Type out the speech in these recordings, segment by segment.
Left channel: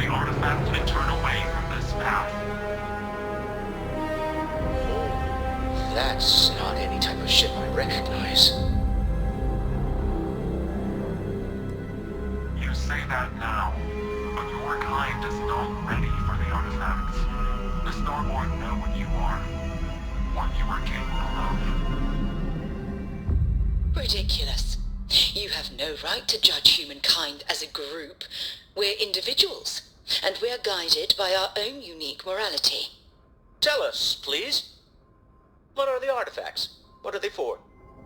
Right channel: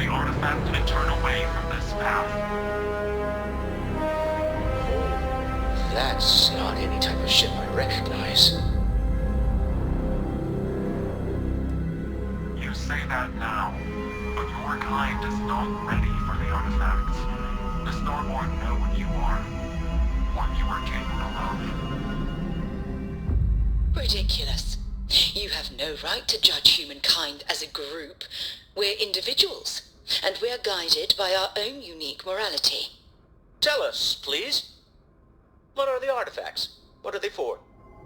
the artifact and turn away from this path. Oh, that's not any type of ship I recognize. You say that now, but your kind is not ready for the artifact. The Starborn know what you are, what you are capable of. Ridiculous. You have no right to judge humankind as a group. We're individuals, and we're guided by our own unique morality. Tell us, please. What are the artifacts? What are they for?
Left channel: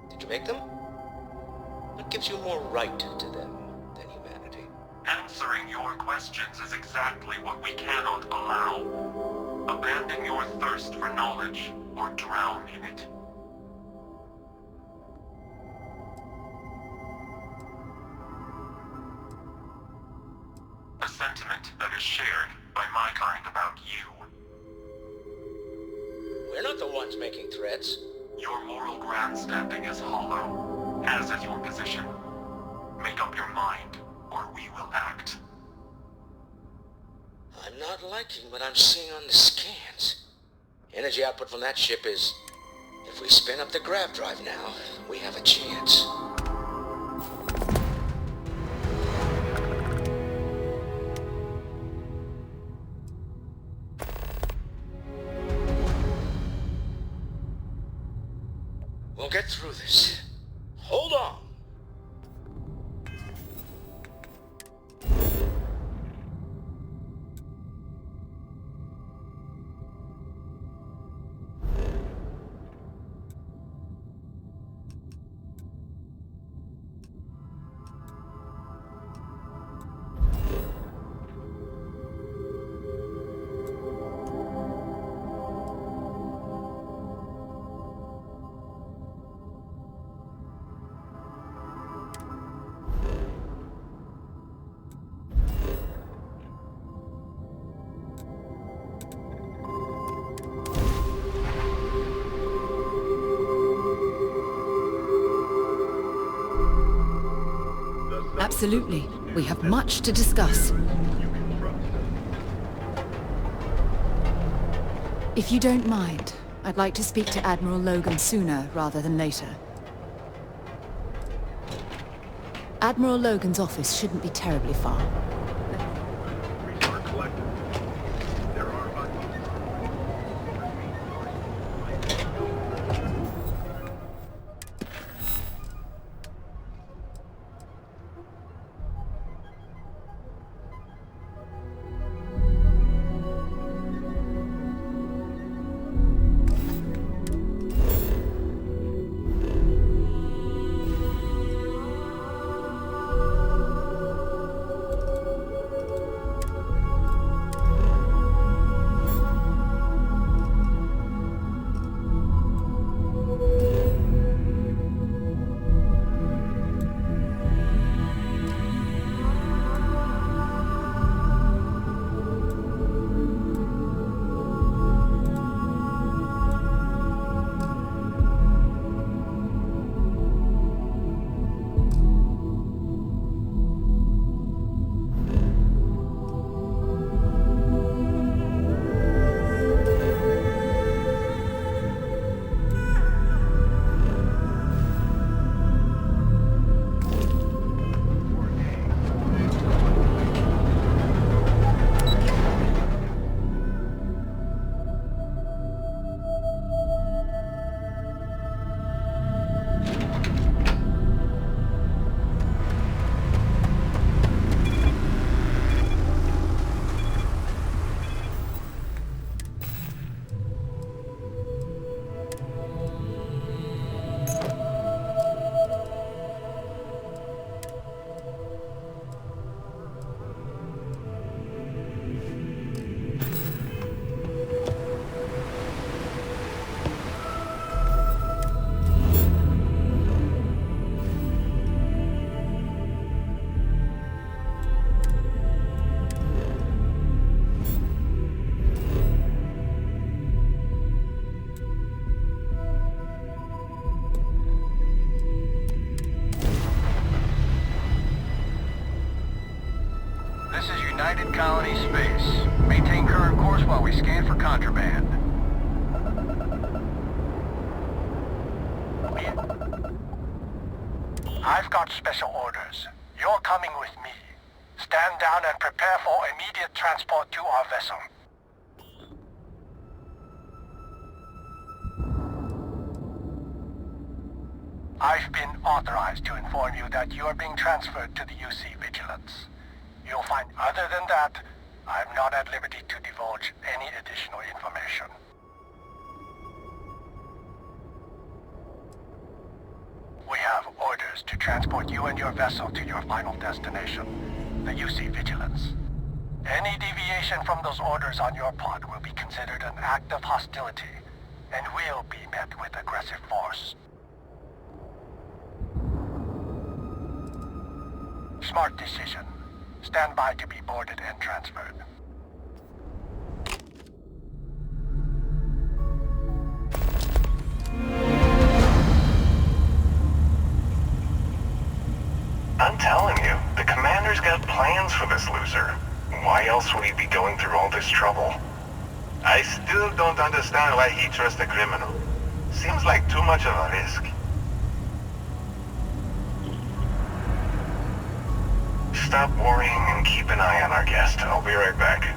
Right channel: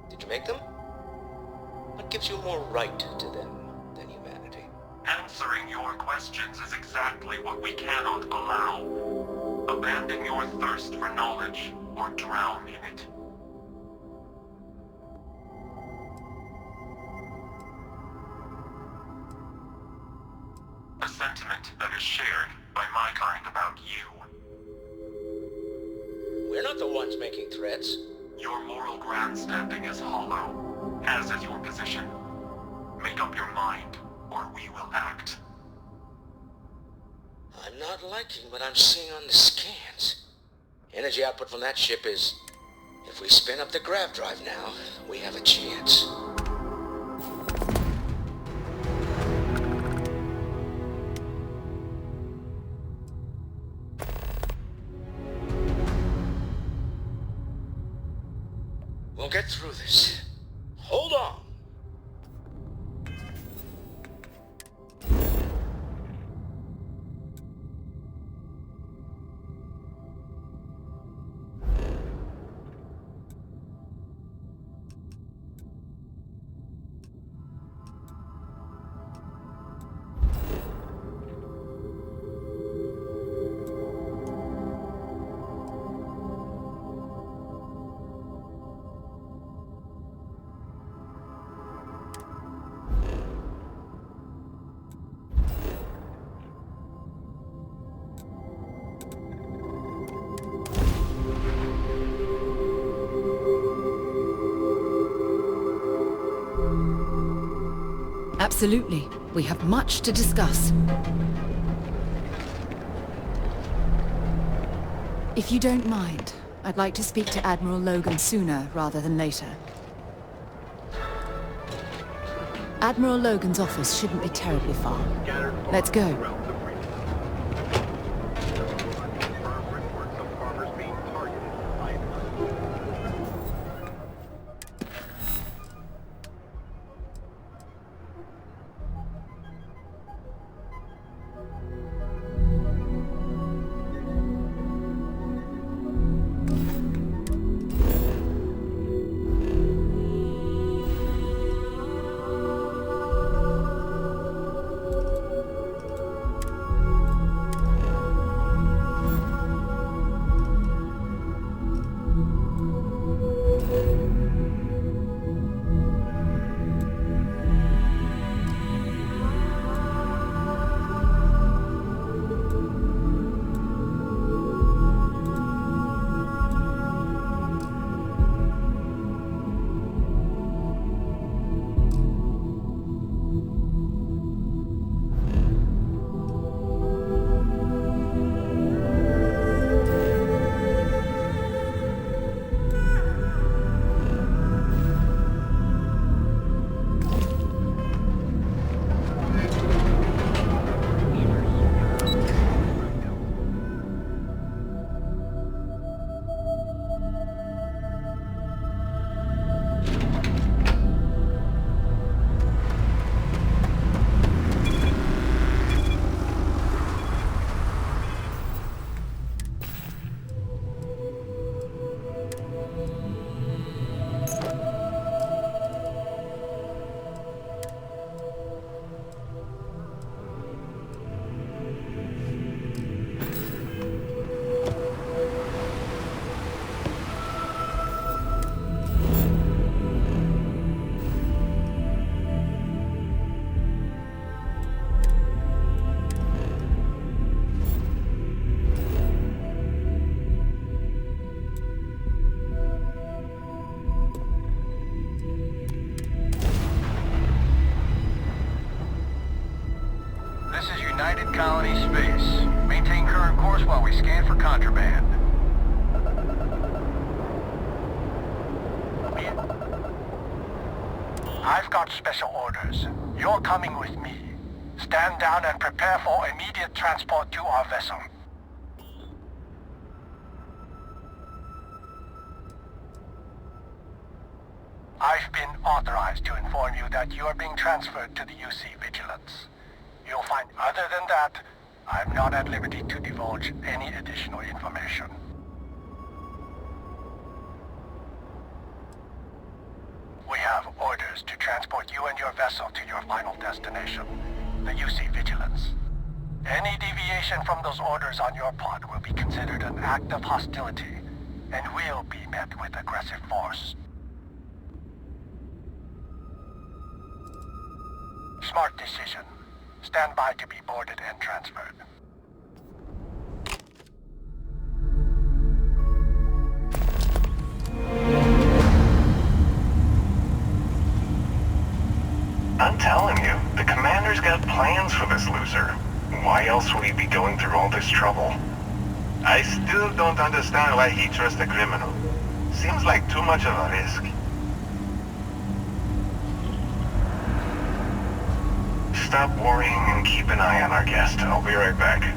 Did you make them? What gives you more right to them than humanity? Answering your questions is exactly what we cannot allow. Abandon your thirst for knowledge, or drown in it. A sentiment that is shared by my kind about you. We're not the ones making threats. Your moral grandstanding is hollow, as is your position. Make up your mind, or we will act. I'm not liking what I'm seeing on the scans. Energy output from that ship is... If we spin up the grav drive now, we have a chance. We'll get through this. Hold on. Absolutely. We have much to discuss. If you don't mind, I'd like to speak to Admiral Logan sooner rather than later. Admiral Logan's office shouldn't be terribly far. Let's go. colony space. Maintain current course while we scan for contraband. I've got special orders. You're coming with me. Stand down and prepare for immediate transport to our vessel. I've been authorized to inform you that you are being transferred to the UC Vigilance. You'll find other than that, I'm not at liberty to divulge any additional information. We have orders to transport you and your vessel to your final destination, the UC Vigilance. Any deviation from those orders on your part will be considered an act of hostility, and will be met with aggressive force. Smart decision. Stand by to be boarded and transferred. I'm telling you, the commander's got plans for this loser. Why else would he be going through all this trouble? I still don't understand why he trusts a criminal. Seems like too much of a risk. Stop worrying and keep an eye on our guest. I'll be right back.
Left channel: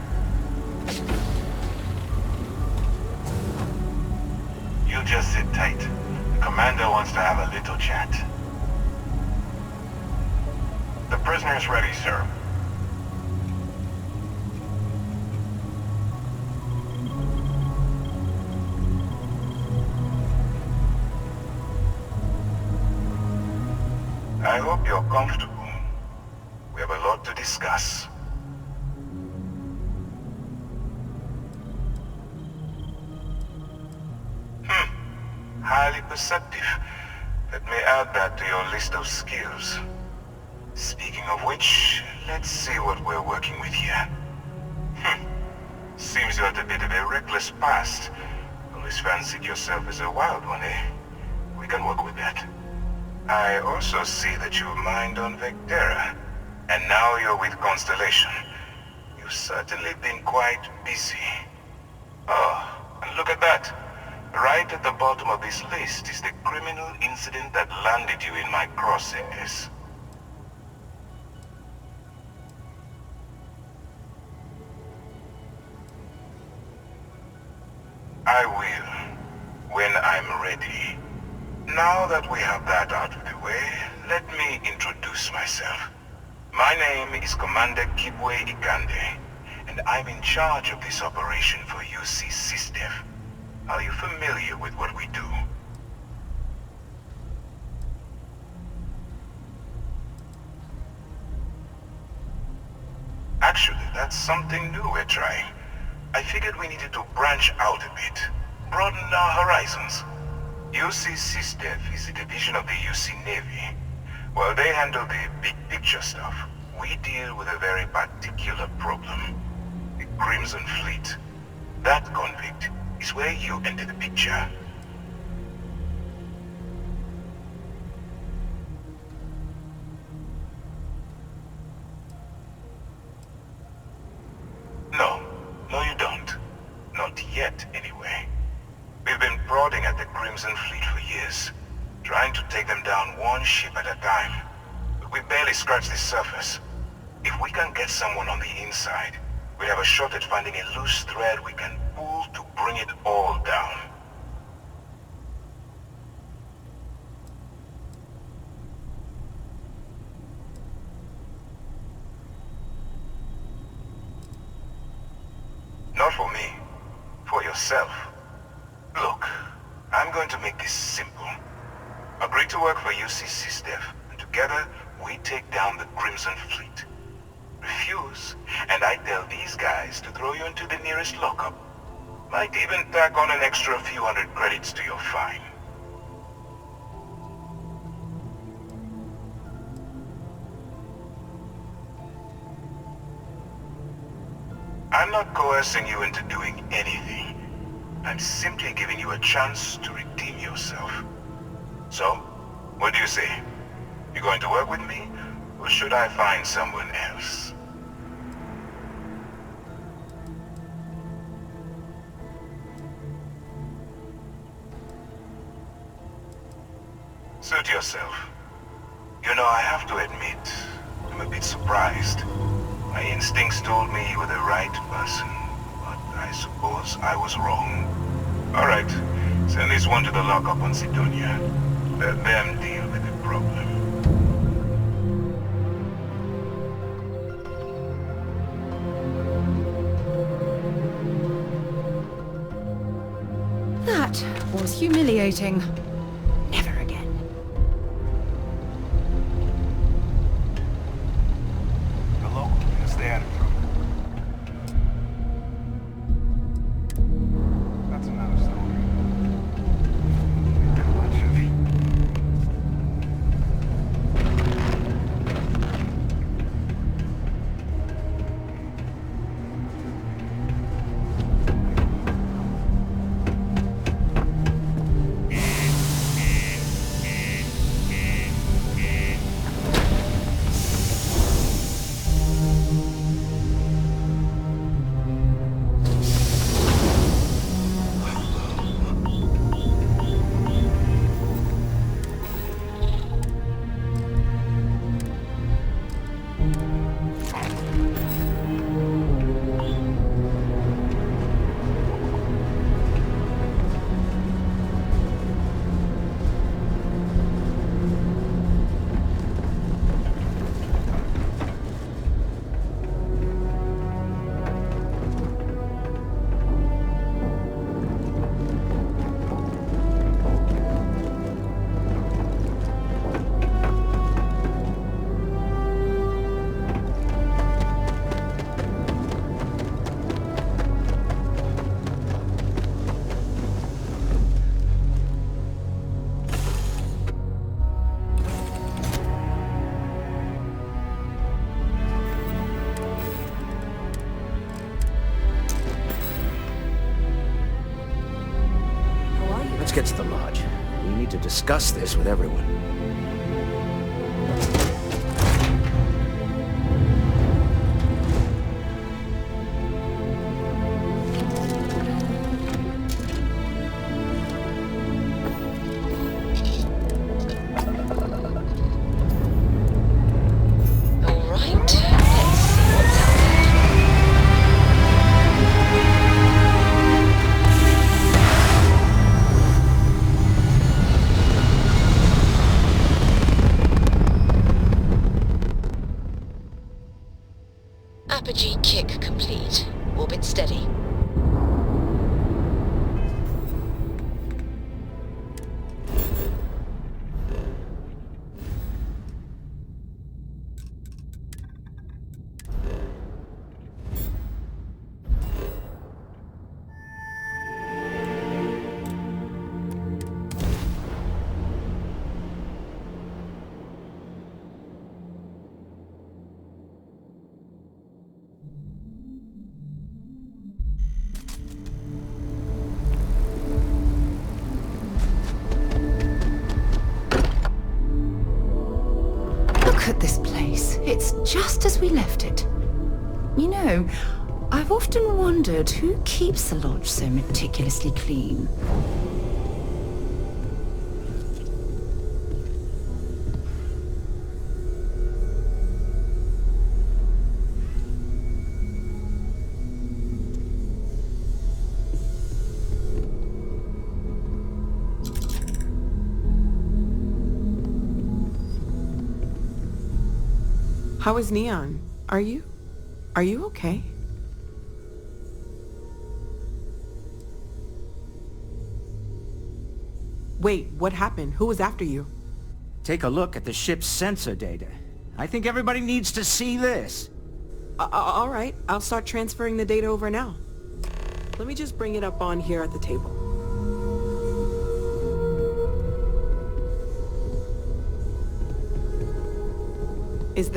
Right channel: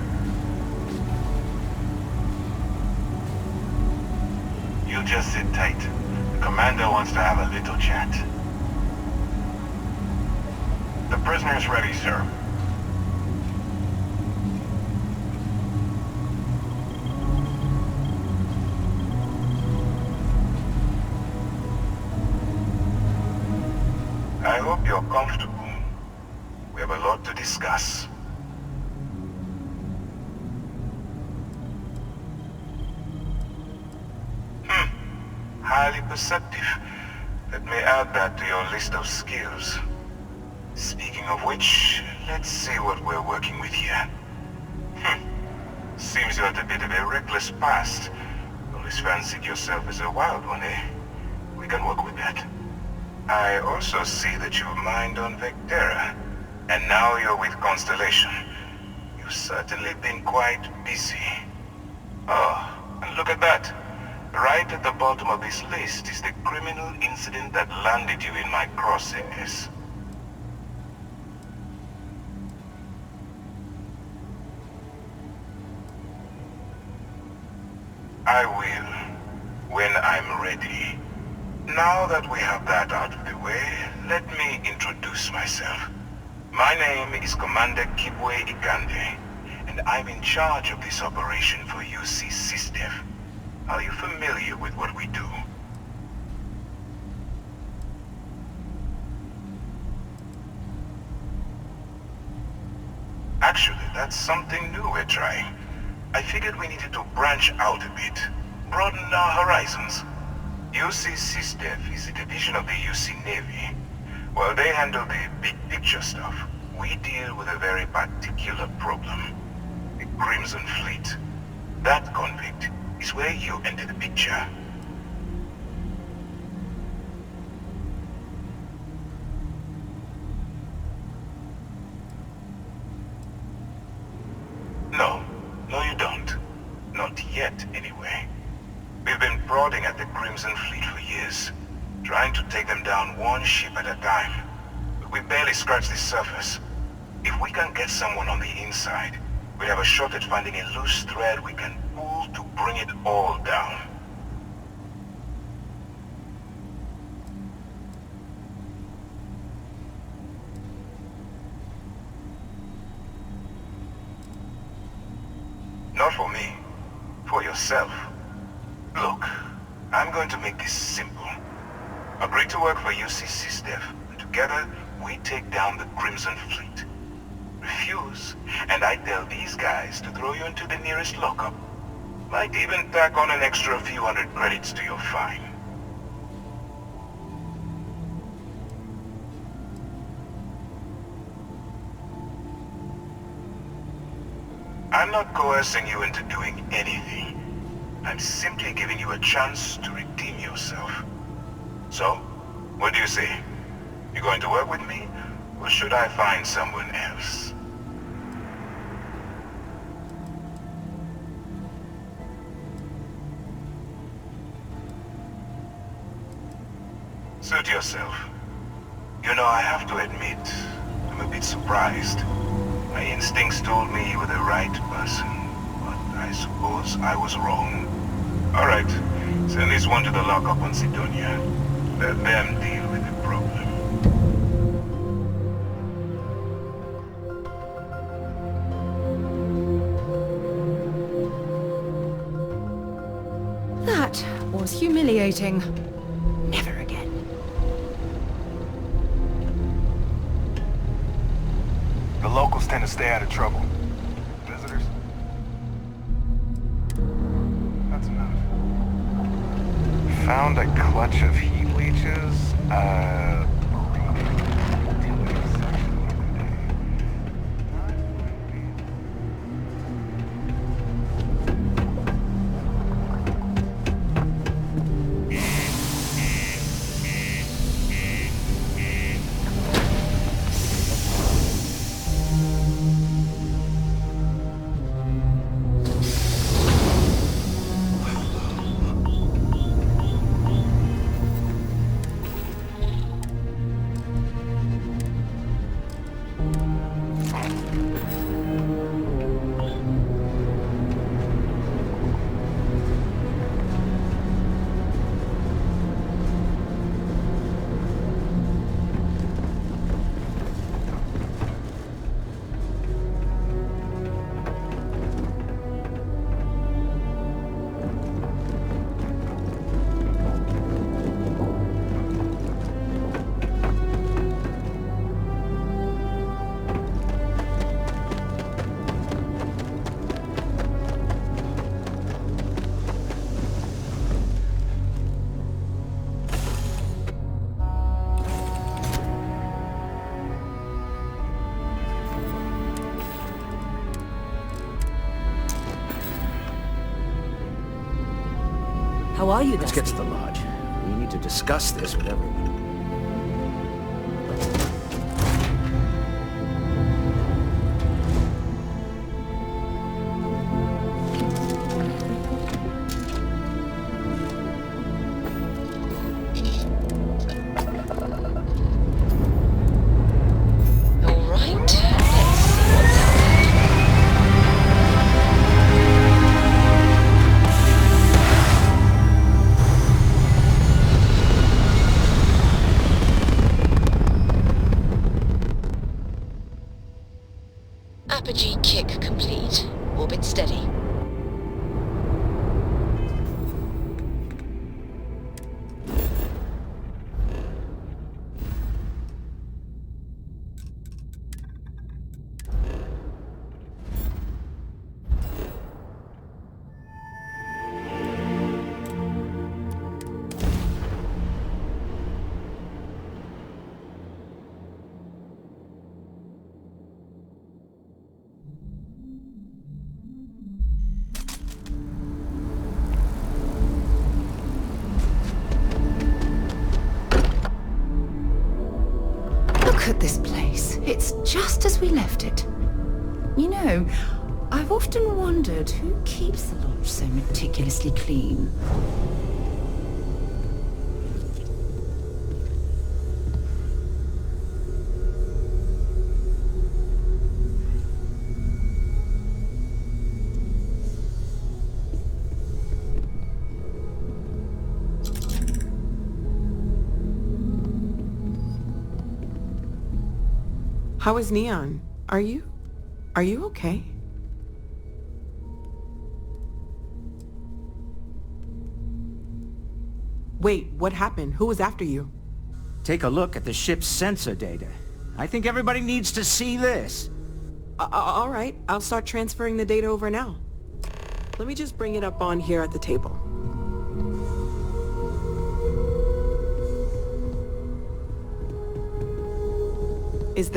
You just sit tight. The commander wants to have a little chat. The prisoner's ready, sir. I hope you're comfortable. We have a lot to discuss. Highly perceptive. Let me add that to your list of skills. Speaking of which, let's see what we're working with here. Seems you had a bit of a reckless past. Always fancied yourself as a wild one, eh? We can work with that. I also see that you mined on Vectera, and now you're with Constellation. You've certainly been quite busy. Oh, and look at that. Right at the bottom of this list is the criminal incident that landed you in my crosshairs. I will, when I'm ready. Now that we have that out of the way, let me introduce myself. My name is Commander Kibwe Ikande, and I'm in charge of this operation for UC SysDev. Are you familiar with what we do? Actually, that's something new we're trying. I figured we needed to branch out a bit, broaden our horizons. UC SysDev is a division of the UC Navy. While they handle the big picture stuff, we deal with a very particular problem. The Crimson Fleet. That convict is where you enter the picture. No, you don't. Not yet, anyway. We've been prodding at the Crimson Fleet for years, trying to take them down one ship at a time. But we barely scratched the surface. If we can get someone on the inside, we have a shot at finding a loose thread we can pull to bring it all down. Not for me. For yourself. Look, I'm going to make this simple. Agree to work for UC SysDev, and together we take down the Crimson Fleet. Refuse, and I tell these guys to throw you into the nearest lockup. Might even tack on an extra few hundred credits to your fine. I'm not coercing you into doing anything. I'm simply giving you a chance to redeem yourself. So, what do you say? You going to work with me, or should I find someone else? Suit yourself. You know, I have to admit, I'm a bit surprised. My instincts told me you were the right person, but I suppose I was wrong. Alright, send this one to the lockup on Sidonia. Let them deal with the problem. That was humiliating. Never again. The locals tend to stay out of trouble. Visitors? That's another story. We found a clutch of heat leeches. How are you? Let's get to the lodge. We need to discuss this with everyone. Apogee kick complete. Orbit steady. Look at this place. It's just as we left it. You know, I've often wondered who keeps the lodge so meticulously clean. How is Neon? Are you okay? Wait, what happened? Who was after you? Take a look at the ship's sensor data. I think everybody needs to see this. All right, I'll start transferring the data over now. Let me just bring it up on here at the table. Is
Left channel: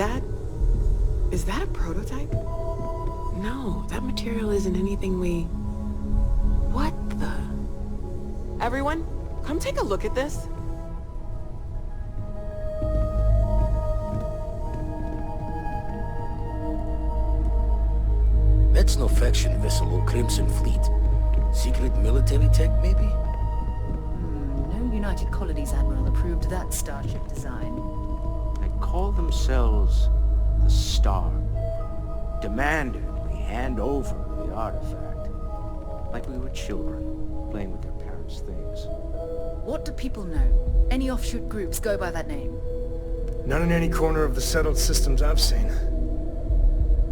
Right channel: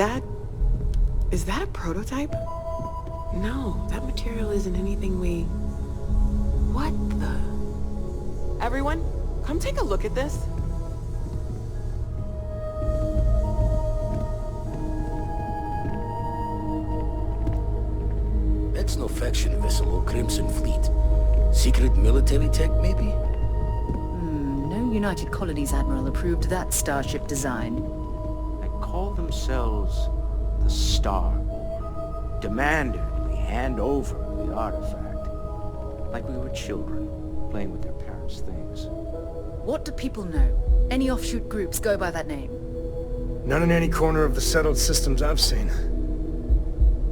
that a prototype? No, that material isn't anything we... What the... Everyone, come take a look at this. That's no faction vessel or Crimson Fleet. Secret military tech, maybe? No United Colonies Admiral approved that starship design. They call themselves the Starborn. Demanded we hand over the artifact. Like we were children, playing with their parents' things. What do people know? Any offshoot groups go by that name? None in any corner of the settled systems I've seen.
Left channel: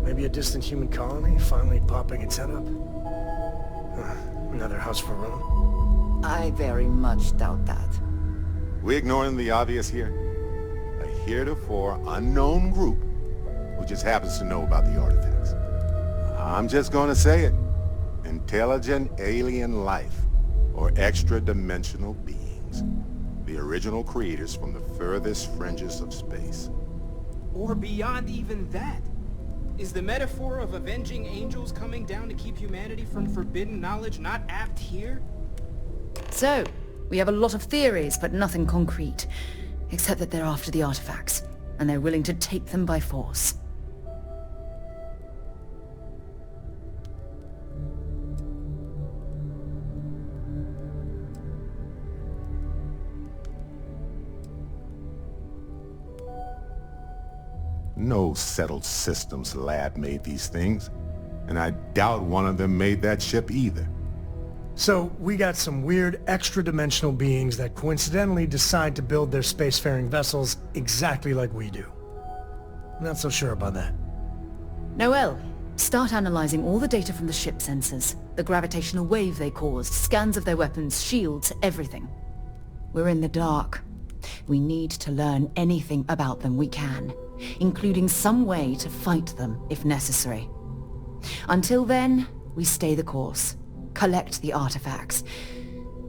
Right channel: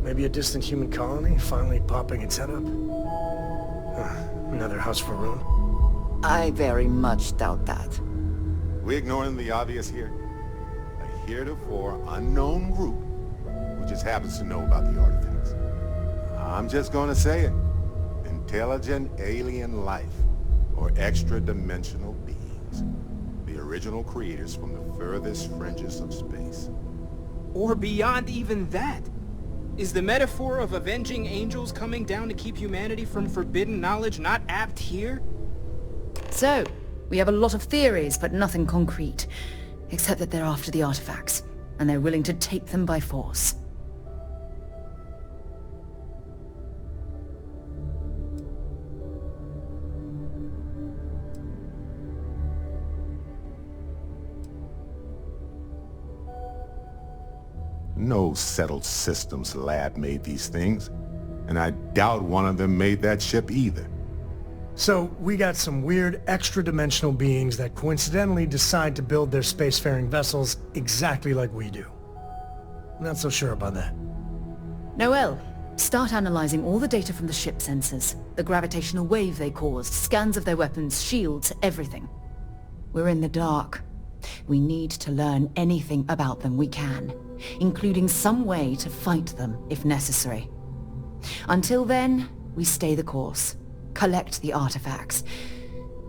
Maybe a distant human colony finally popping its head up? Another house for Rune? I very much doubt that. We ignoring the obvious here? A heretofore unknown group who just happens to know about the artifacts. I'm just gonna say it. Intelligent alien life, or extra-dimensional beings. The original creators from the furthest fringes of space. Or beyond even that. Is the metaphor of avenging angels coming down to keep humanity from forbidden knowledge not apt here? So, we have a lot of theories, but nothing concrete. Except that they're after the artifacts, and they're willing to take them by force. No settled systems lab made these things, and I doubt one of them made that ship either. So, we got some weird extra-dimensional beings that coincidentally decide to build their spacefaring vessels exactly like we do. Not so sure about that. Noel, start analyzing all the data from the ship sensors, the gravitational wave they caused, scans of their weapons, shields, everything. We're in the dark. We need to learn anything about them we can, including some way to fight them if necessary. Until then, we stay the course, collect the artifacts.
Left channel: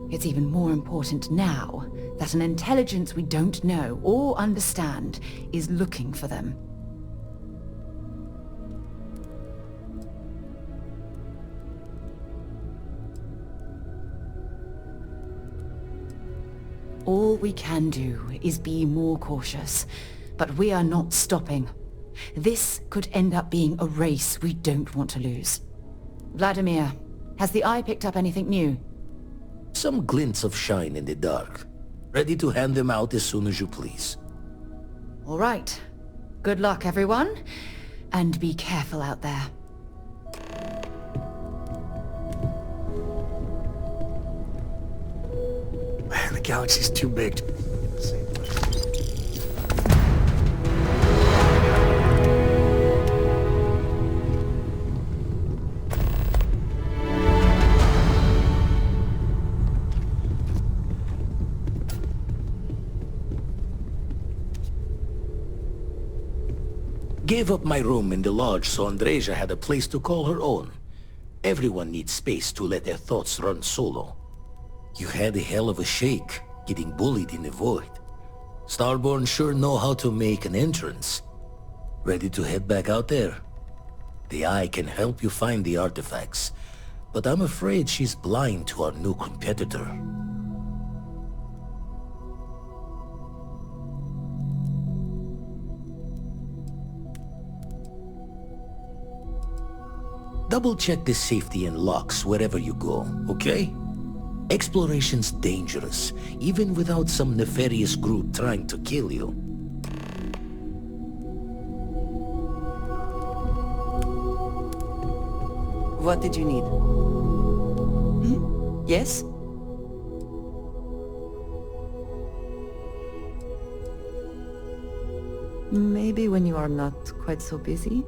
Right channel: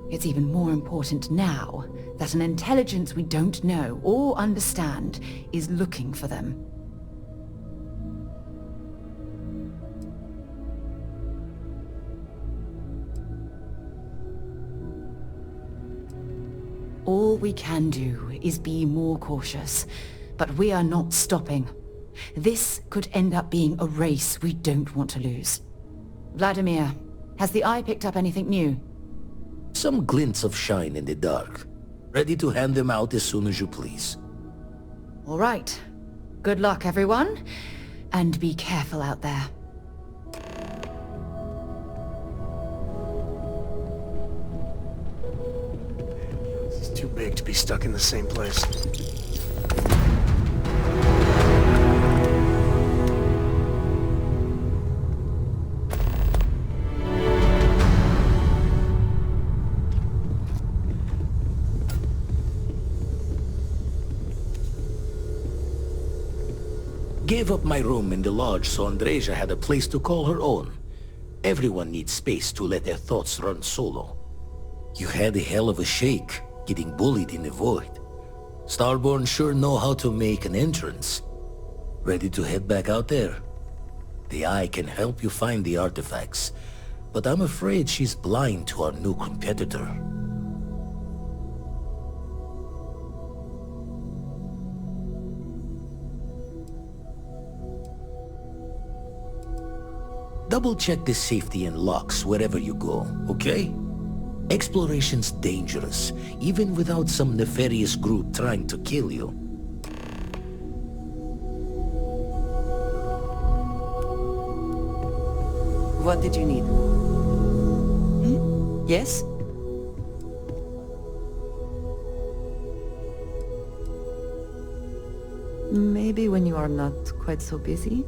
It's even more important now that an intelligence we don't know or understand is looking for them. All we can do is be more cautious, but we are not stopping. This could end up being a race we don't want to lose. Vladimir, has the Eye picked up anything new? Some glints of shine in the dark. Ready to hand them out as soon as you please. All right. Good luck, everyone. And be careful out there. Man, the galaxy's too big to be stuck in the same place. Gave up my room in the lodge so Andreja had a place to call her own. Everyone needs space to let their thoughts run solo. You had a hell of a shake, getting bullied in the void. Starborn sure know how to make an entrance. Ready to head back out there? The Eye can help you find the artifacts, but I'm afraid she's blind to our new competitor. Double-check the safety and locks wherever you go, okay? Exploration's dangerous, even without some nefarious group trying to kill you. What did you need? Yes? Maybe when you are not quite so busy.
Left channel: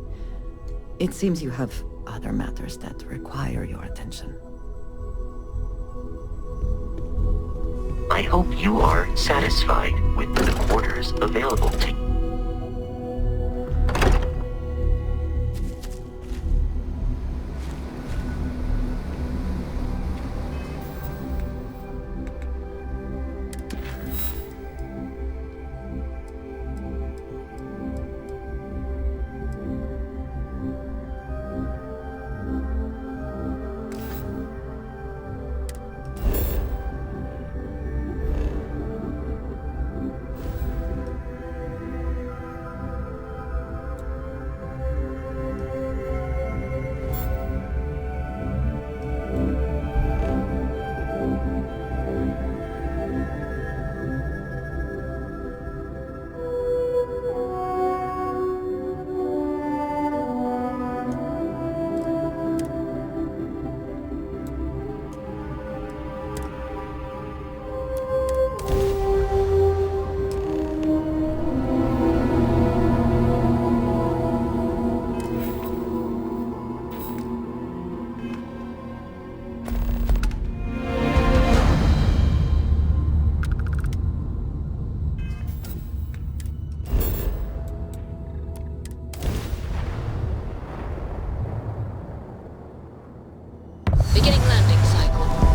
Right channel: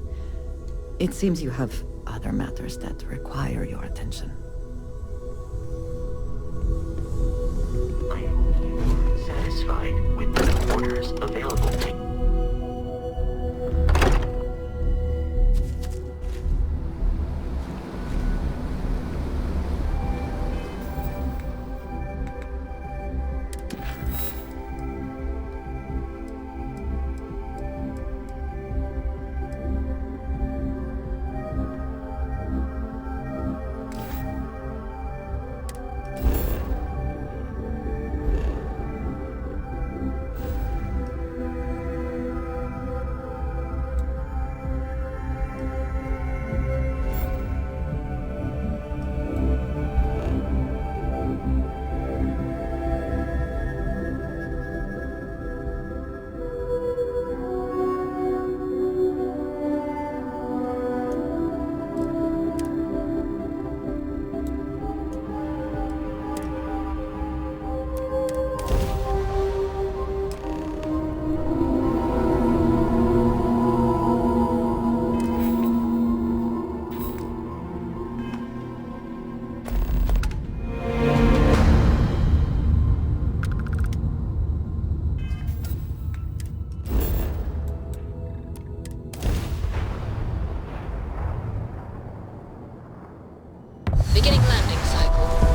It seems you have other matters that require your attention. I hope you are satisfied with the quarters available to you. Beginning landing cycle.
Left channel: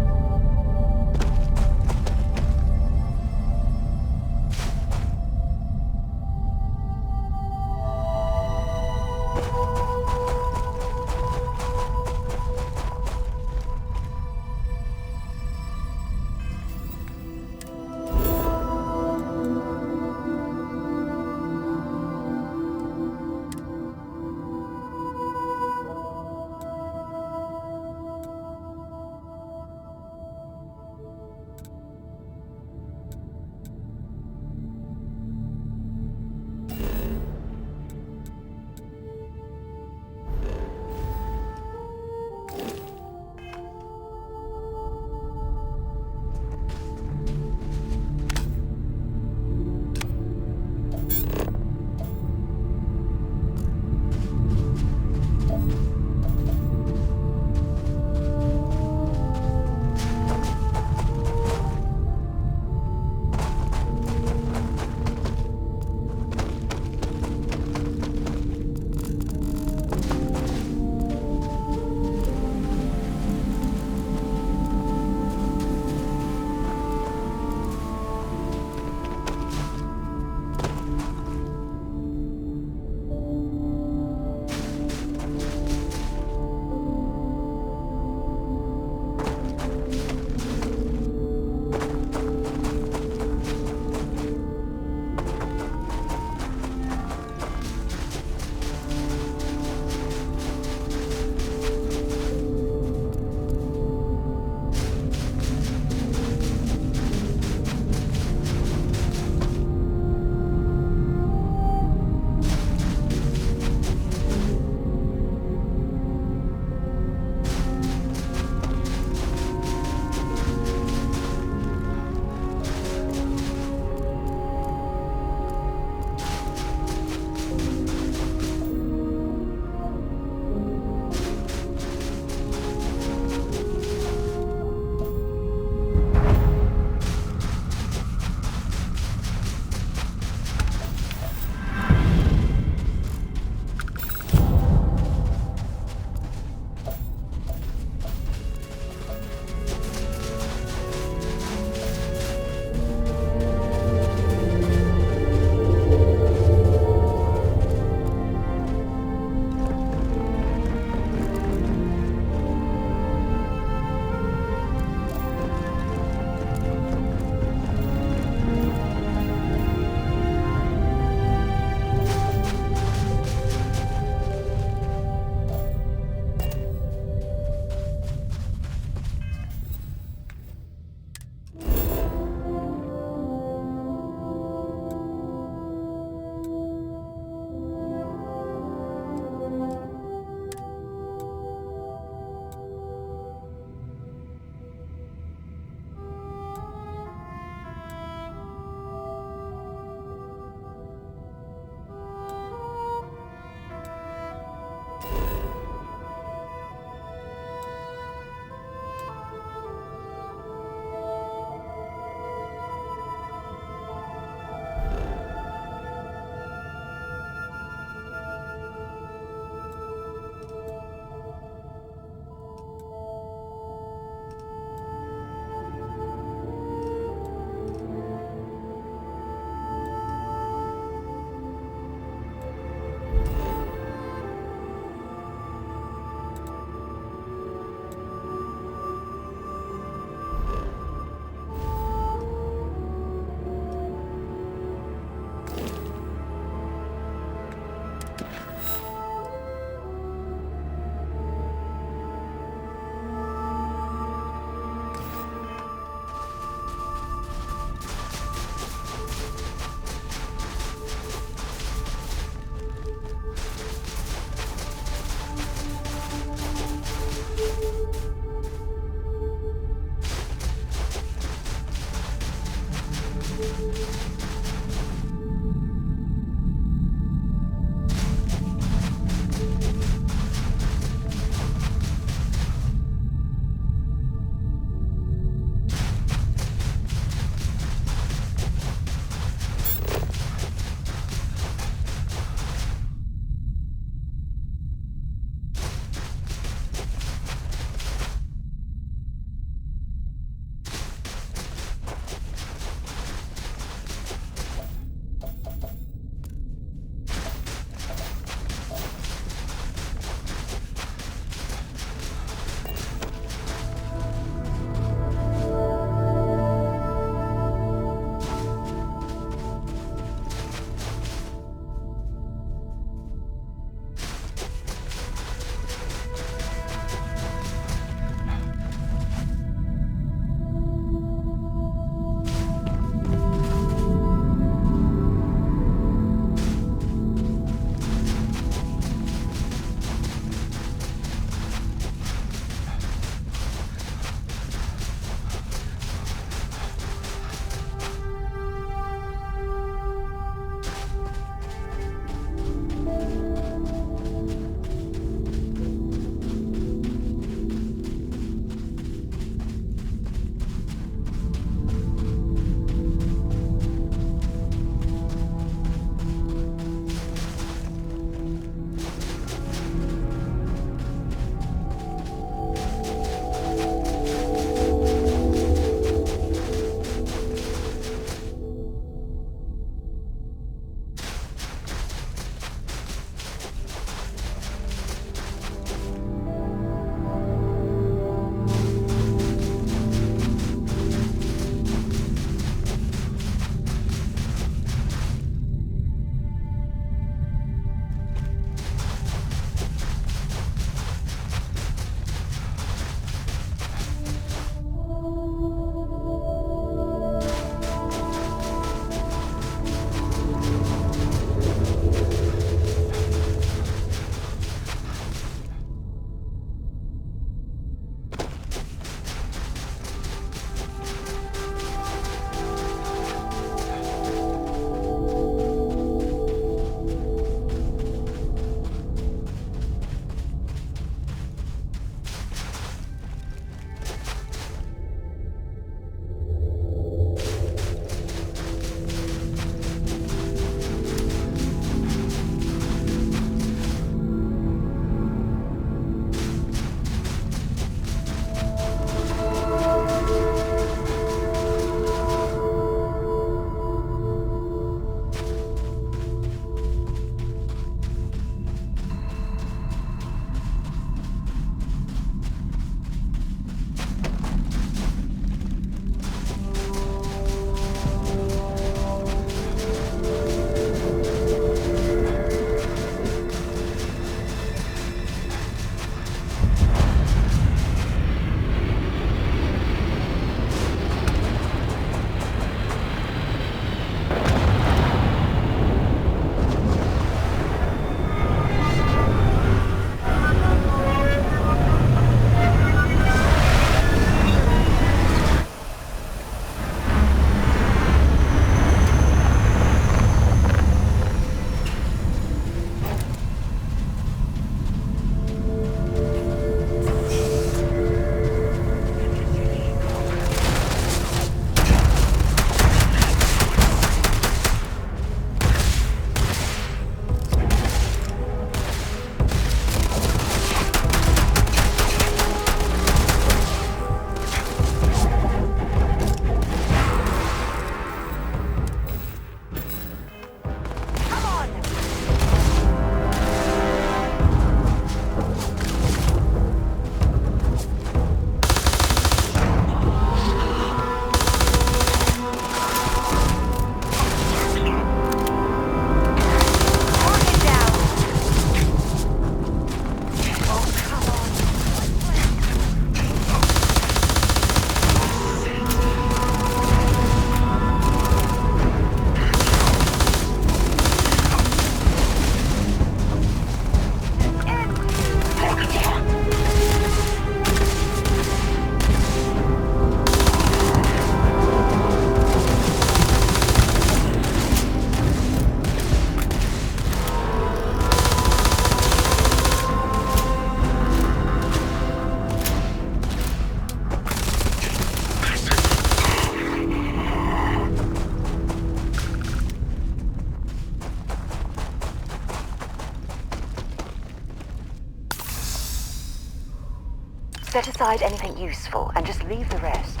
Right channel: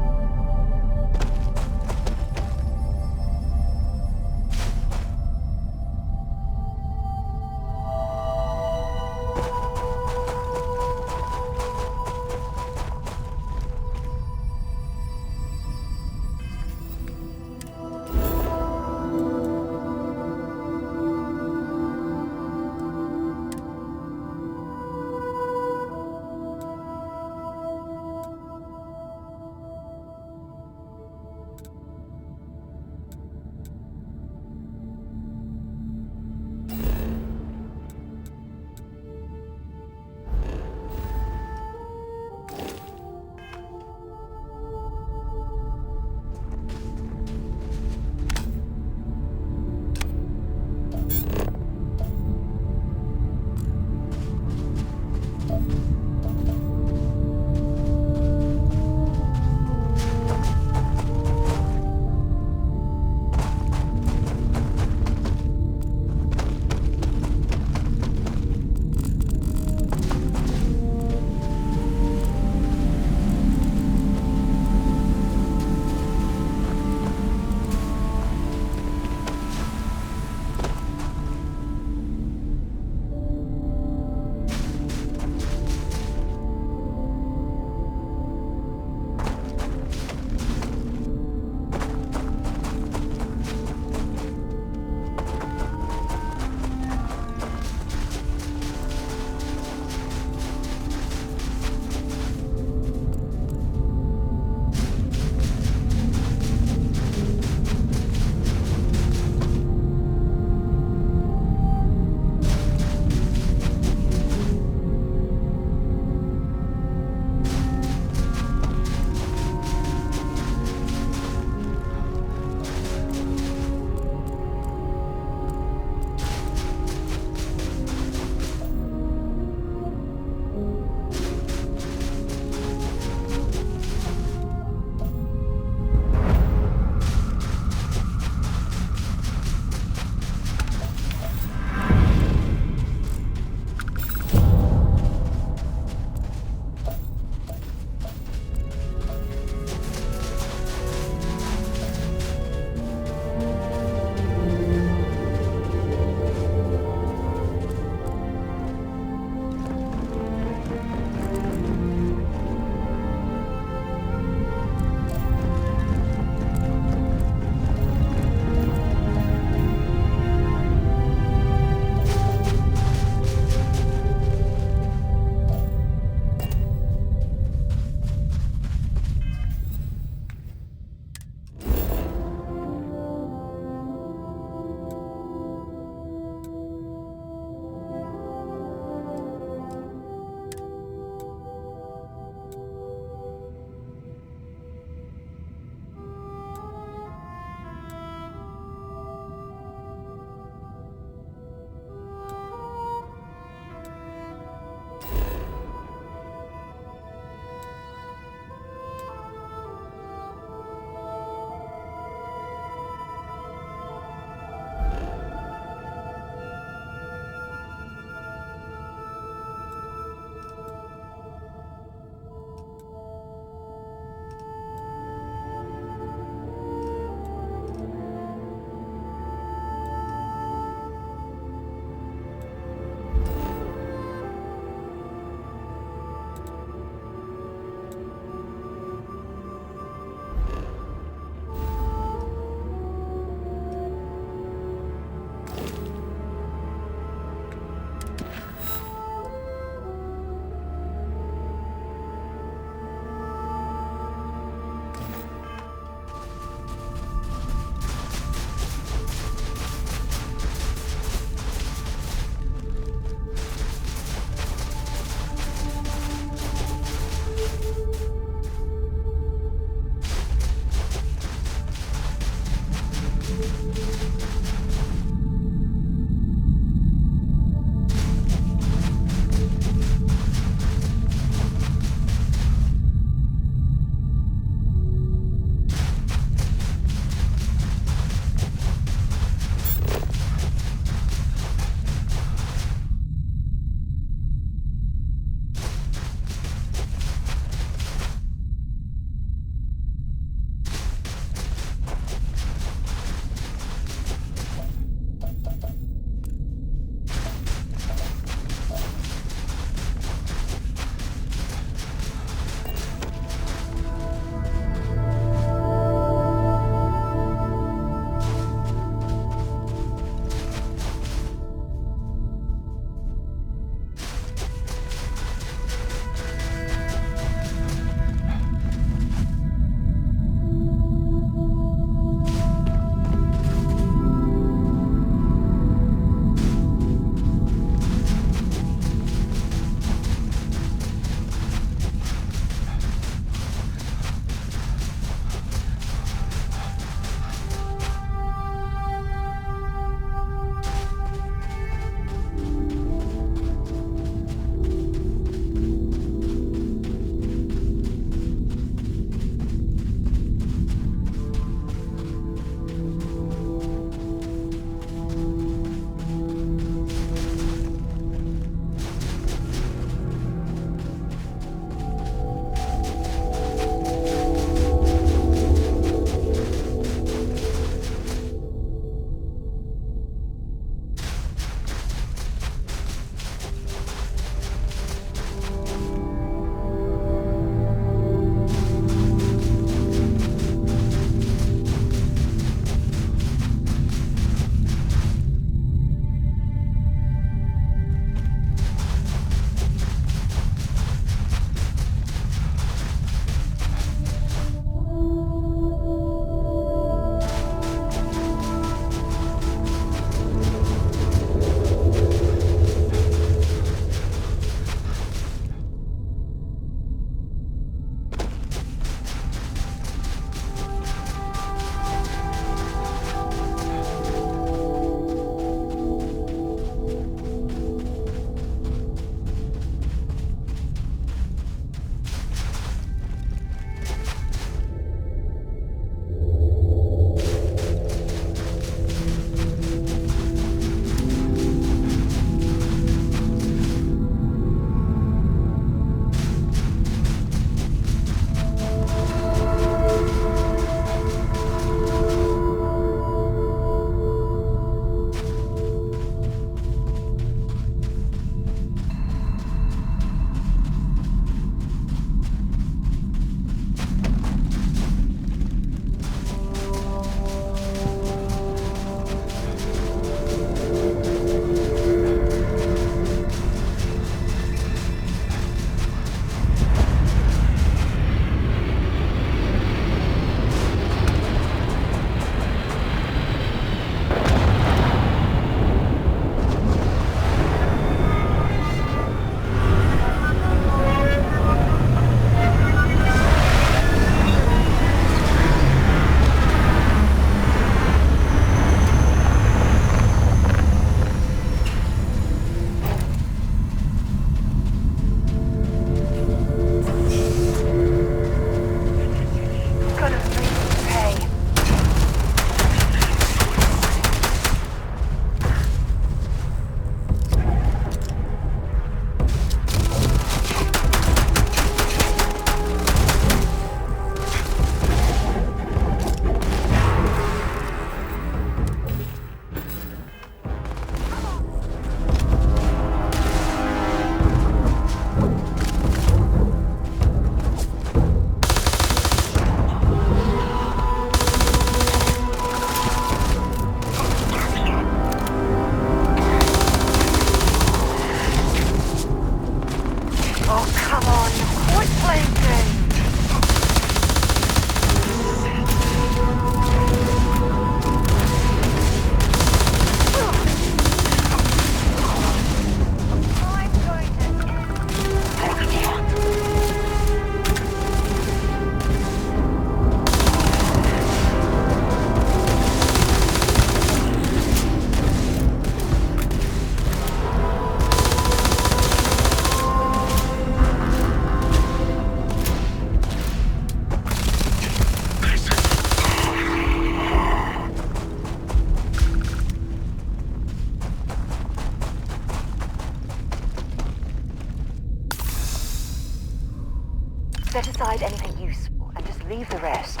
Set aside anything useful and just leave the rest.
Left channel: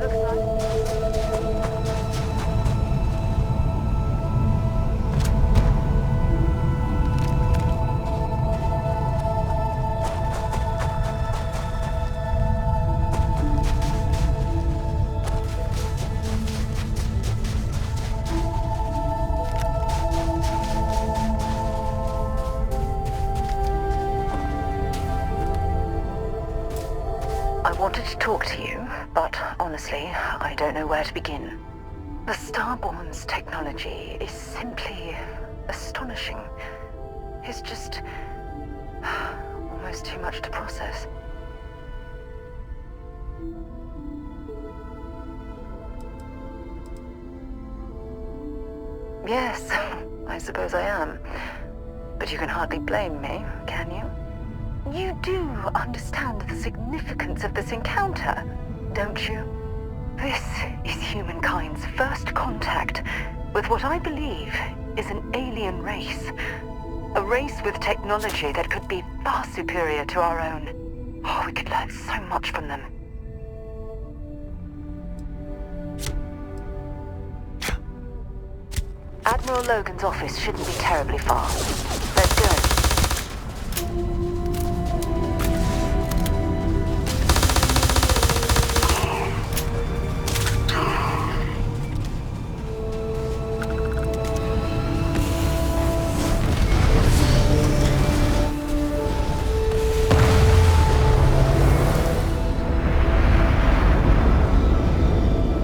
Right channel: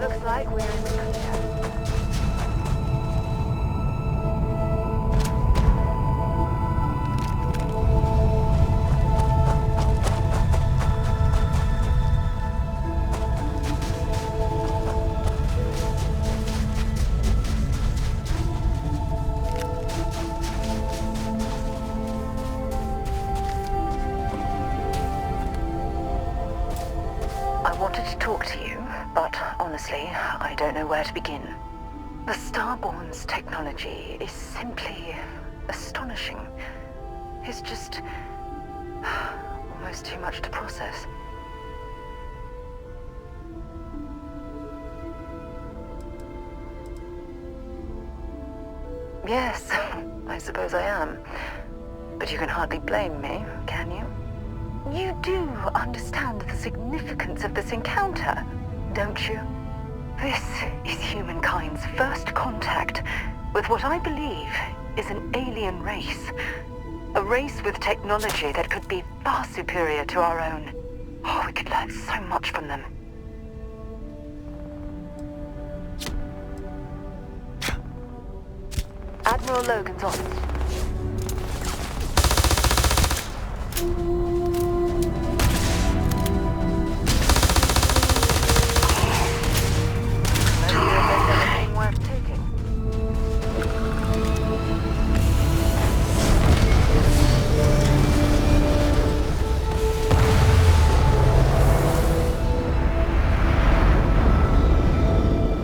Looks like we're in good shape. I wanted to talk to you, but honestly, I don't know where to begin. The Starborn's technology is simply astonishing. It's just almost too much to process. Yes, I suppose I am. But you can hardly blame me, can you? You do understand the significance of this encounter, don't you? This is humankind's first contact with what I believe is an alien race. A race with technology that could be far superior to our own. Oh, we could learn so much from them. Admiral Logan's office shouldn't be terribly far. Let's go.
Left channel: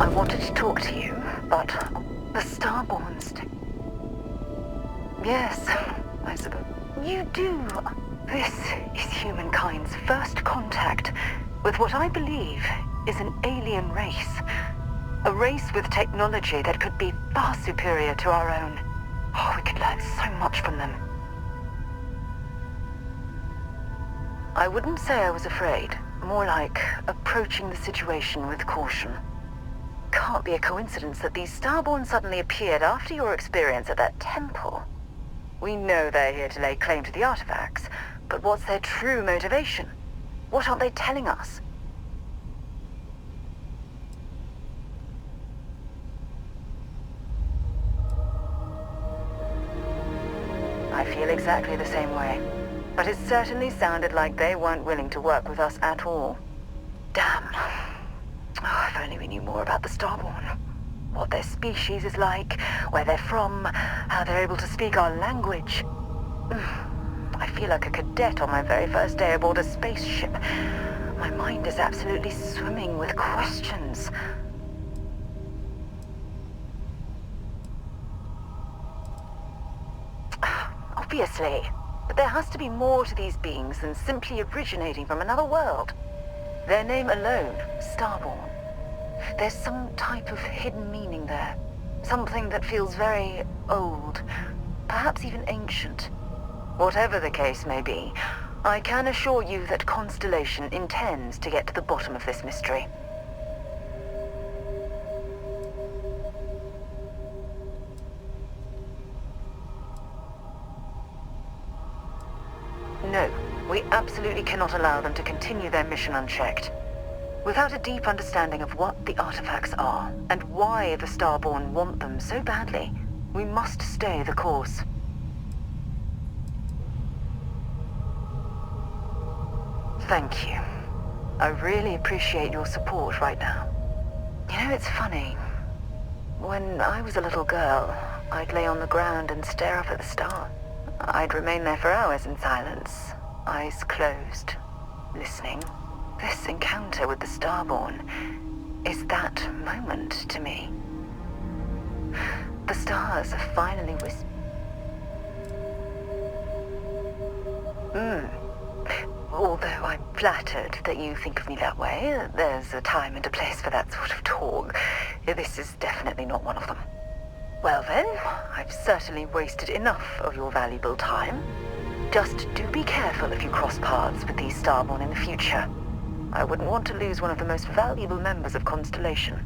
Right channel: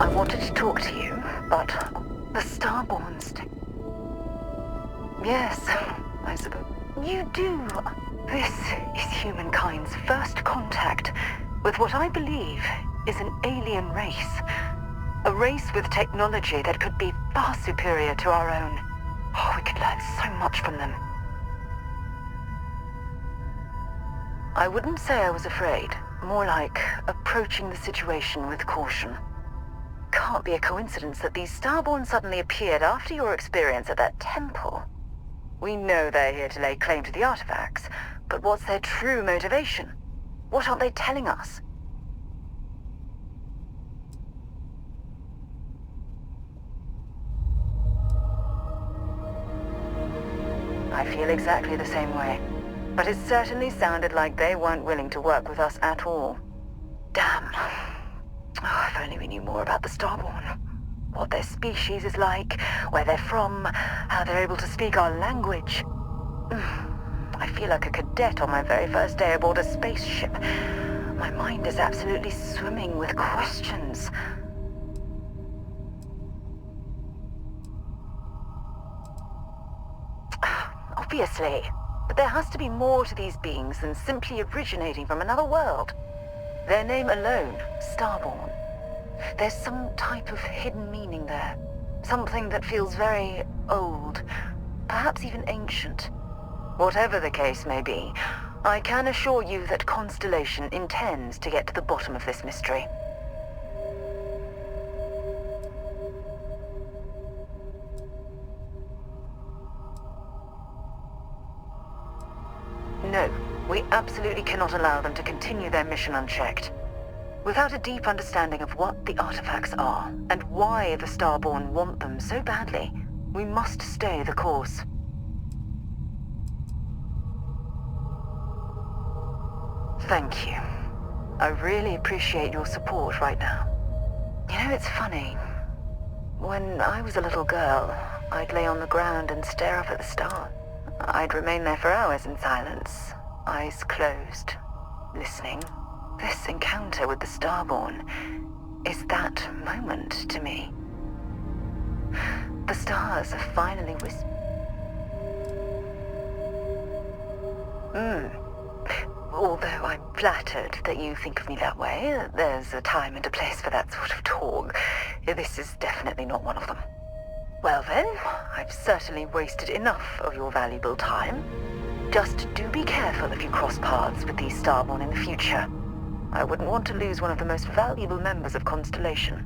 I wanted to talk to you, but the Starborn's Yes, I suppose. You do. This is humankind's first contact with what I believe is an alien race. A race with technology that could be far superior to our own. Oh, we could learn so much from them. I wouldn't say I was afraid. More like approaching the situation with caution. Can't be a coincidence that these Starborn suddenly appeared after your experience at that temple. We know they're here to lay claim to the artifacts, but what's their true motivation? What aren't they telling us? I feel exactly the same way. But it certainly sounded like they weren't willing to work with us at all. Damn. Oh, if only we knew more about the Starborn. What their species is like, where they're from, how they're able to speak our language. I feel like a cadet on my very first day aboard a spaceship. My mind is absolutely swimming with questions. Obviously. But there has to be more to these beings than simply originating from another world. Their name alone, Starborn. There's some type of hidden meaning there. Something that feels very old, perhaps even ancient. Whatever the case may be, I can assure you that Constellation intends to get to the bottom of this mystery. No, we absolutely cannot allow them to continue their mission unchecked. Without a deep understanding of what the artifacts are, and why the Starborn want them so badly, we must stay the course. Thank you. I really appreciate your support right now. You know, it's funny. When I was a little girl, I'd lay on the ground and stare up at the stars. I'd remain there for hours in silence, eyes closed, listening. This encounter with the Starborn is that moment to me. The stars have finally whispered. Although I'm flattered that you think of me that way, there's a time and a place for that sort of talk. This is definitely not one of them. Well then, I've certainly wasted enough of your valuable time. Just do be careful if you cross paths with these Starborn in the future. I wouldn't want to lose one of the most valuable members of Constellation.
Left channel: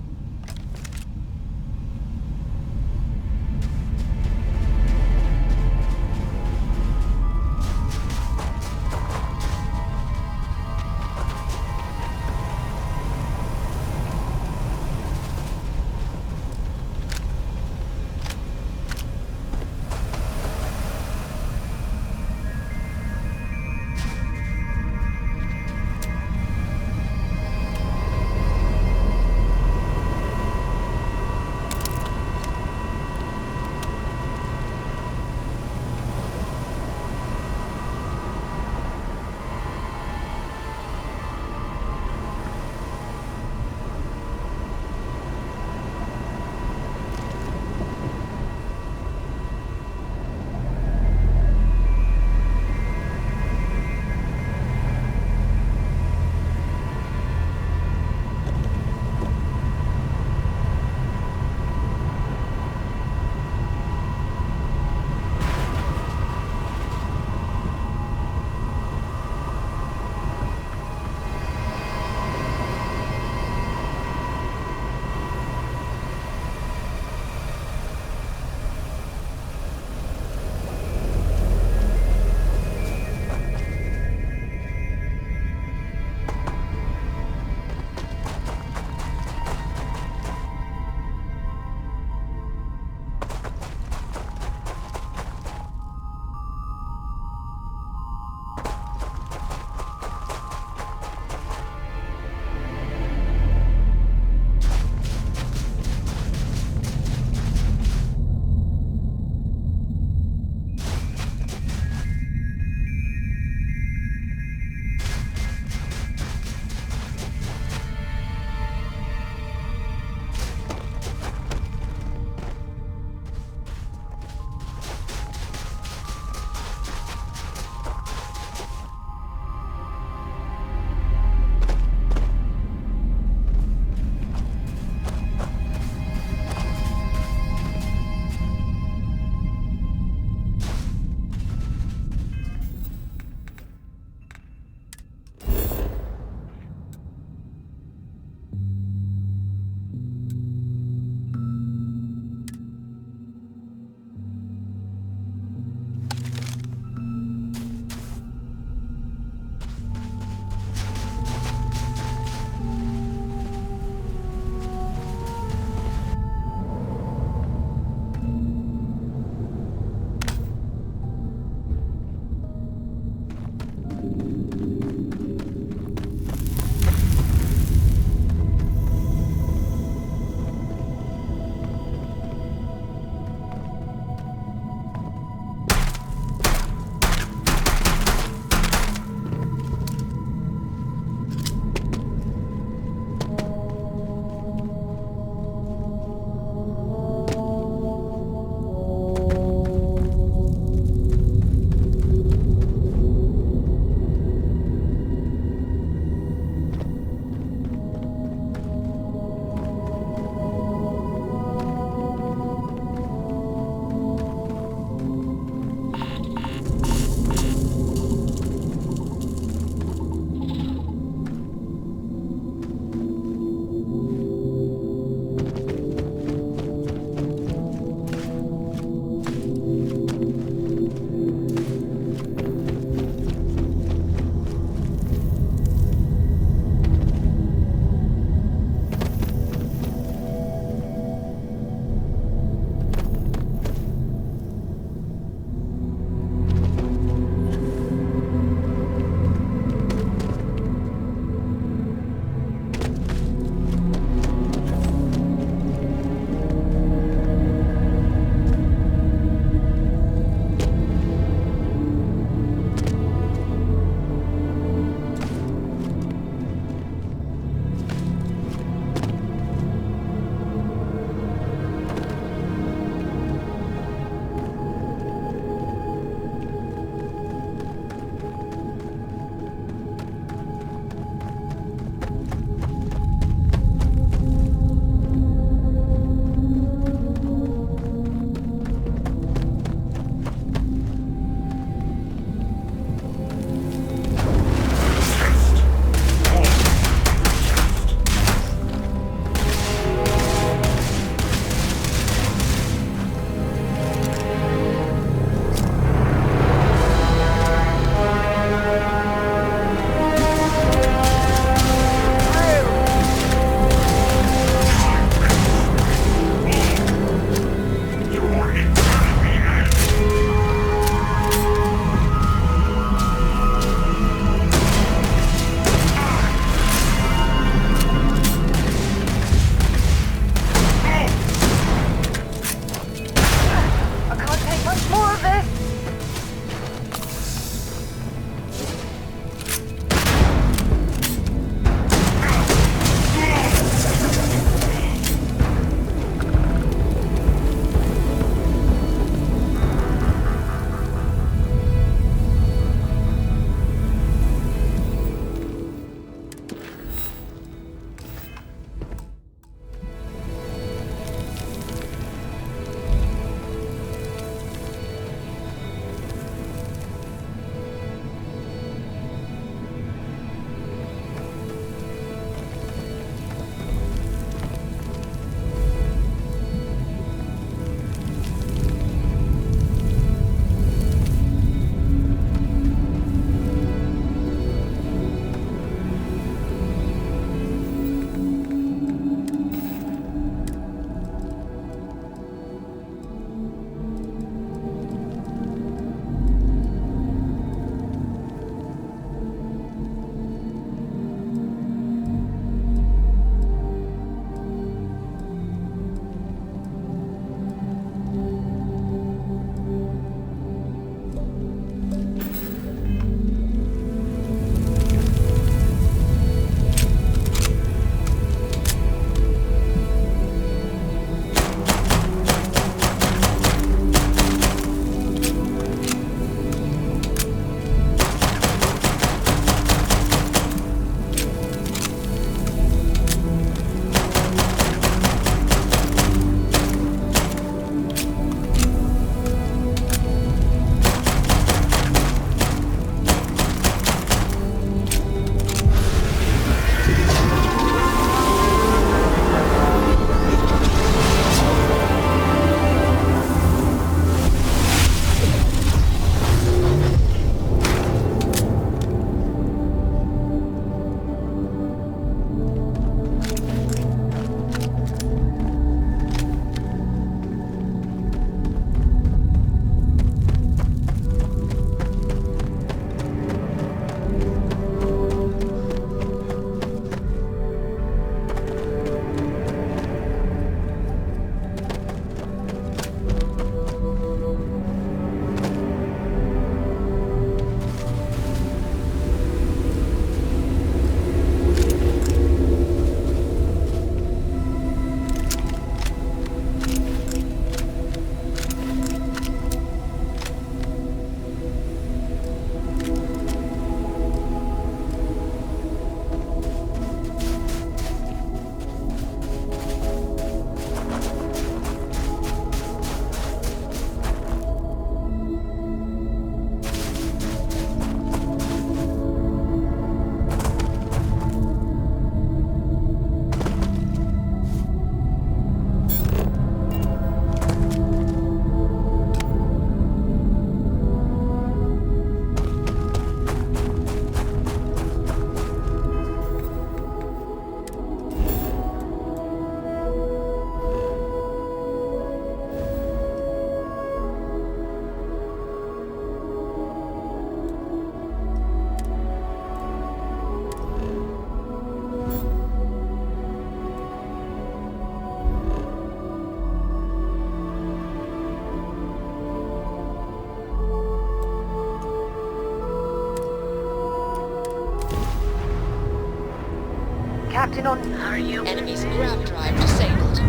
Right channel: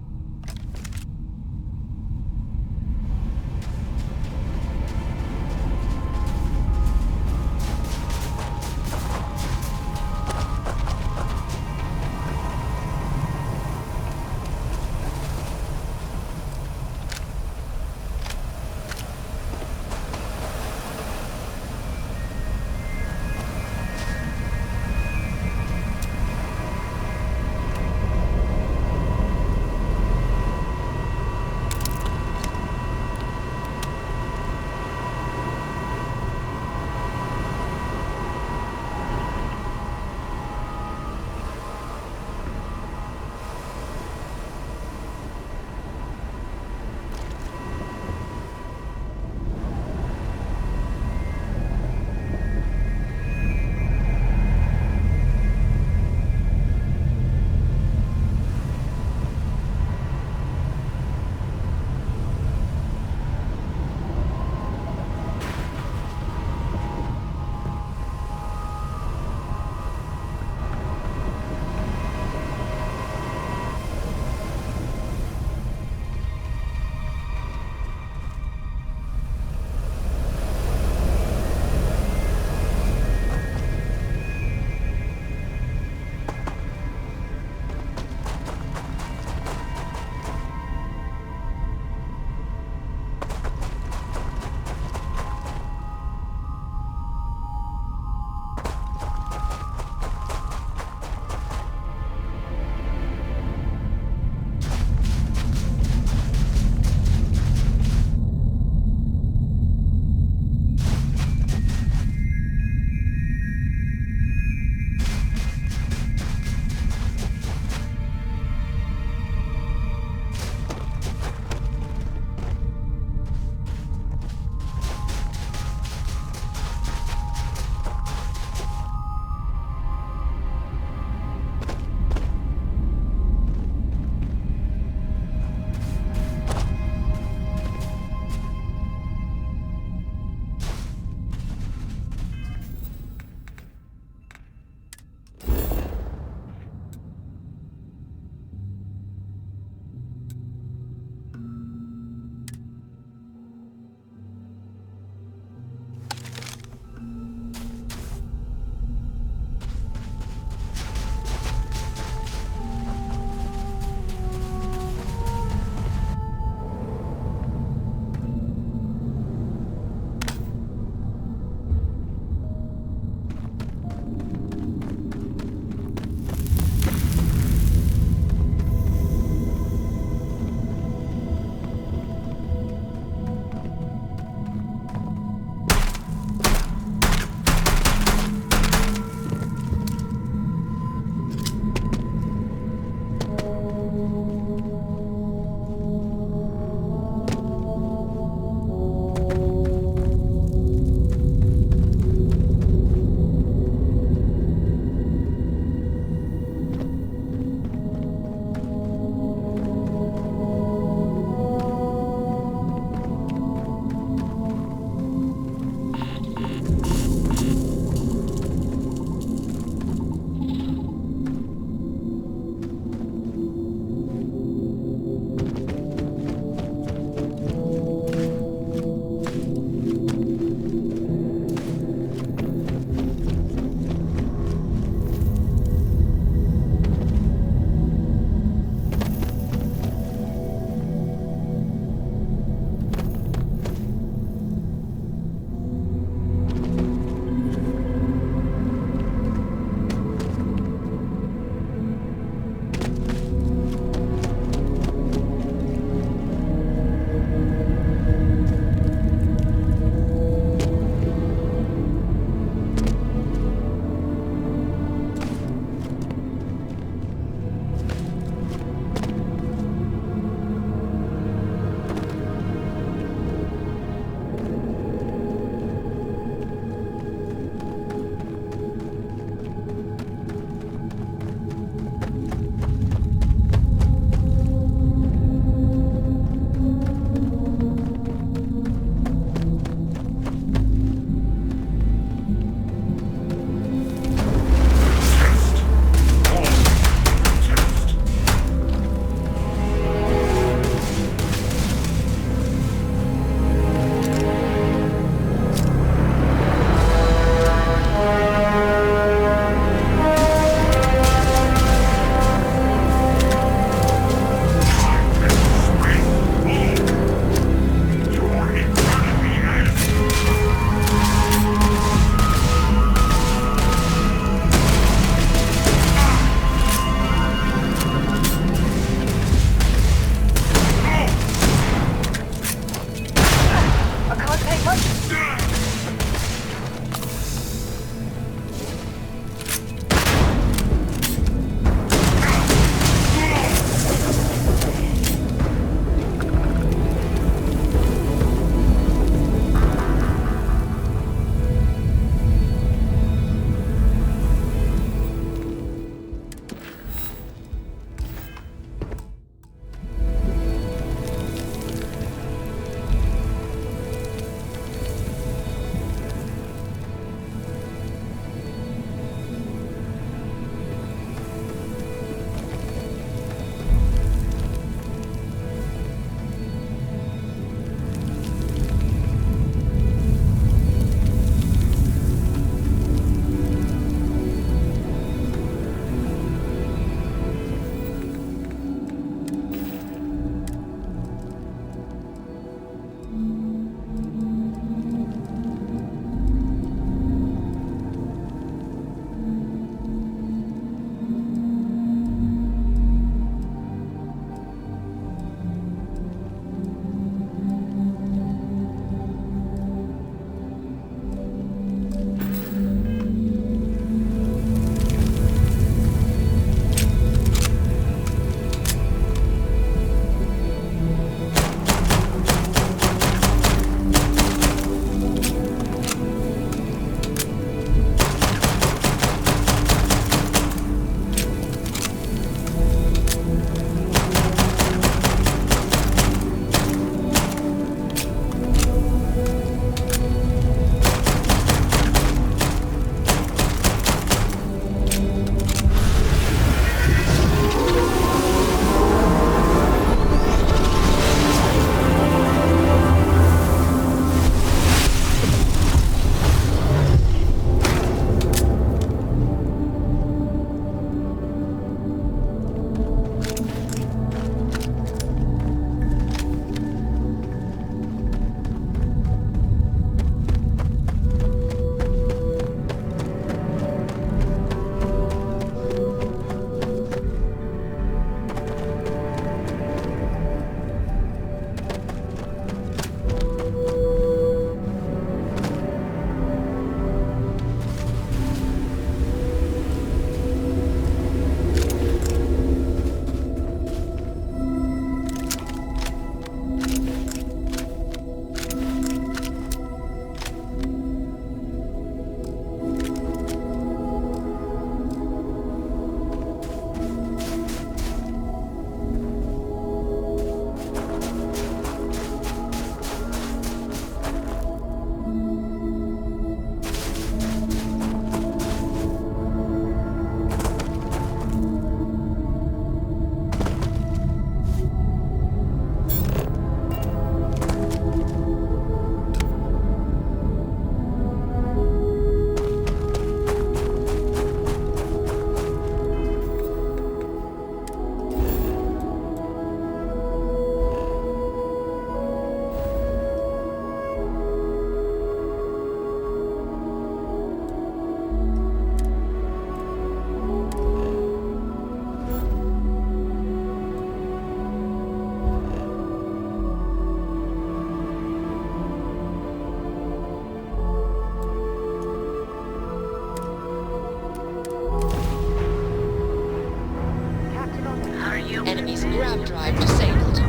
acting on... Are you... Enemy's grav drive disabled.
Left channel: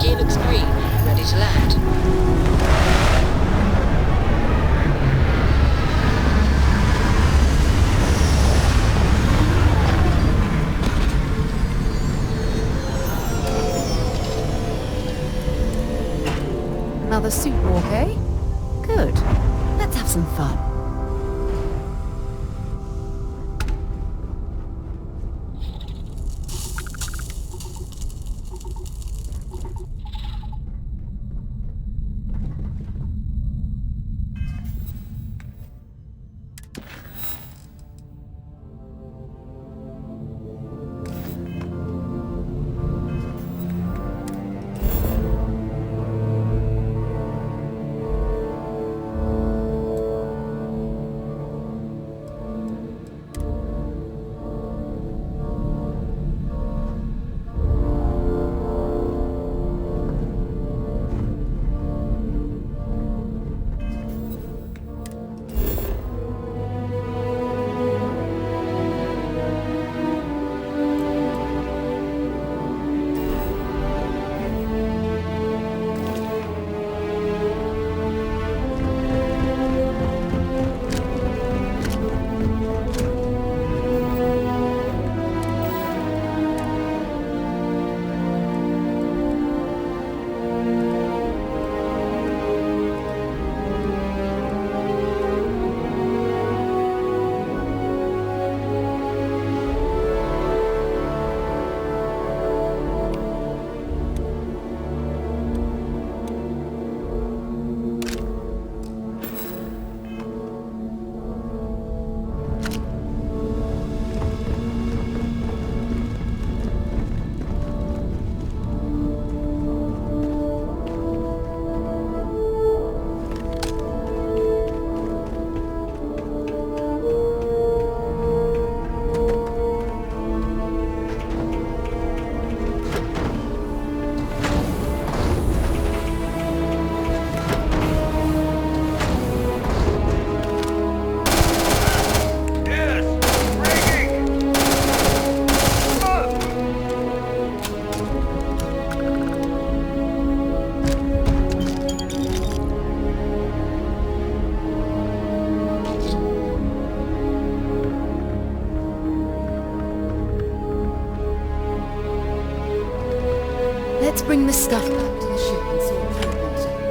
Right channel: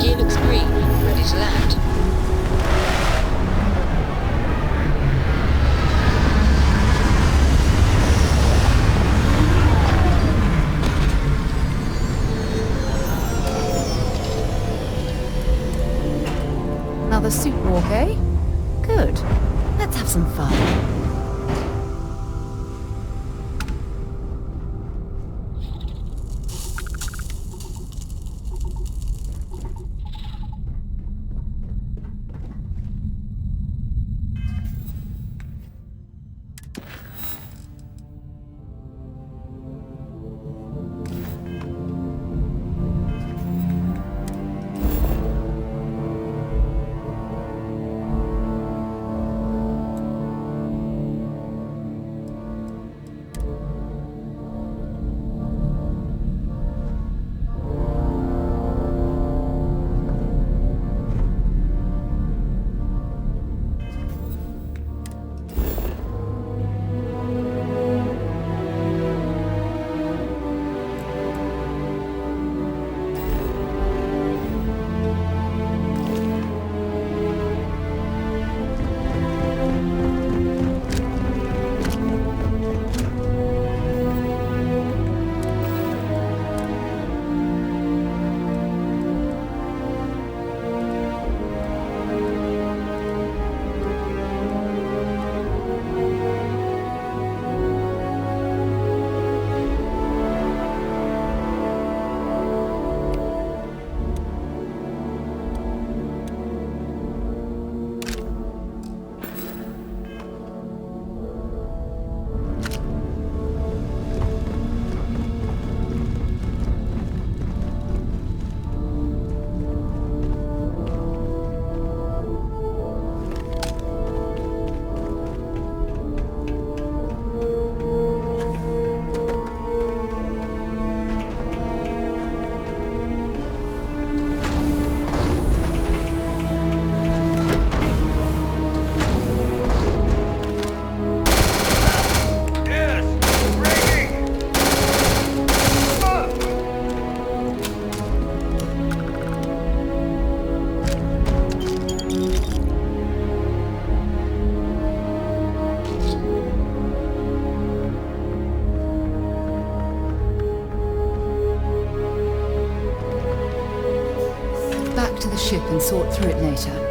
Gear looks green, ready to land. Another suit walk, eh? Good. Let's have some fun. this stuff back to the ship and sort through it later.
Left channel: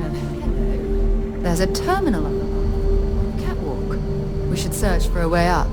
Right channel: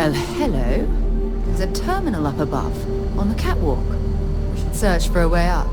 Well, hello. There's a terminal up above, on the catwalk. We should search for a way up.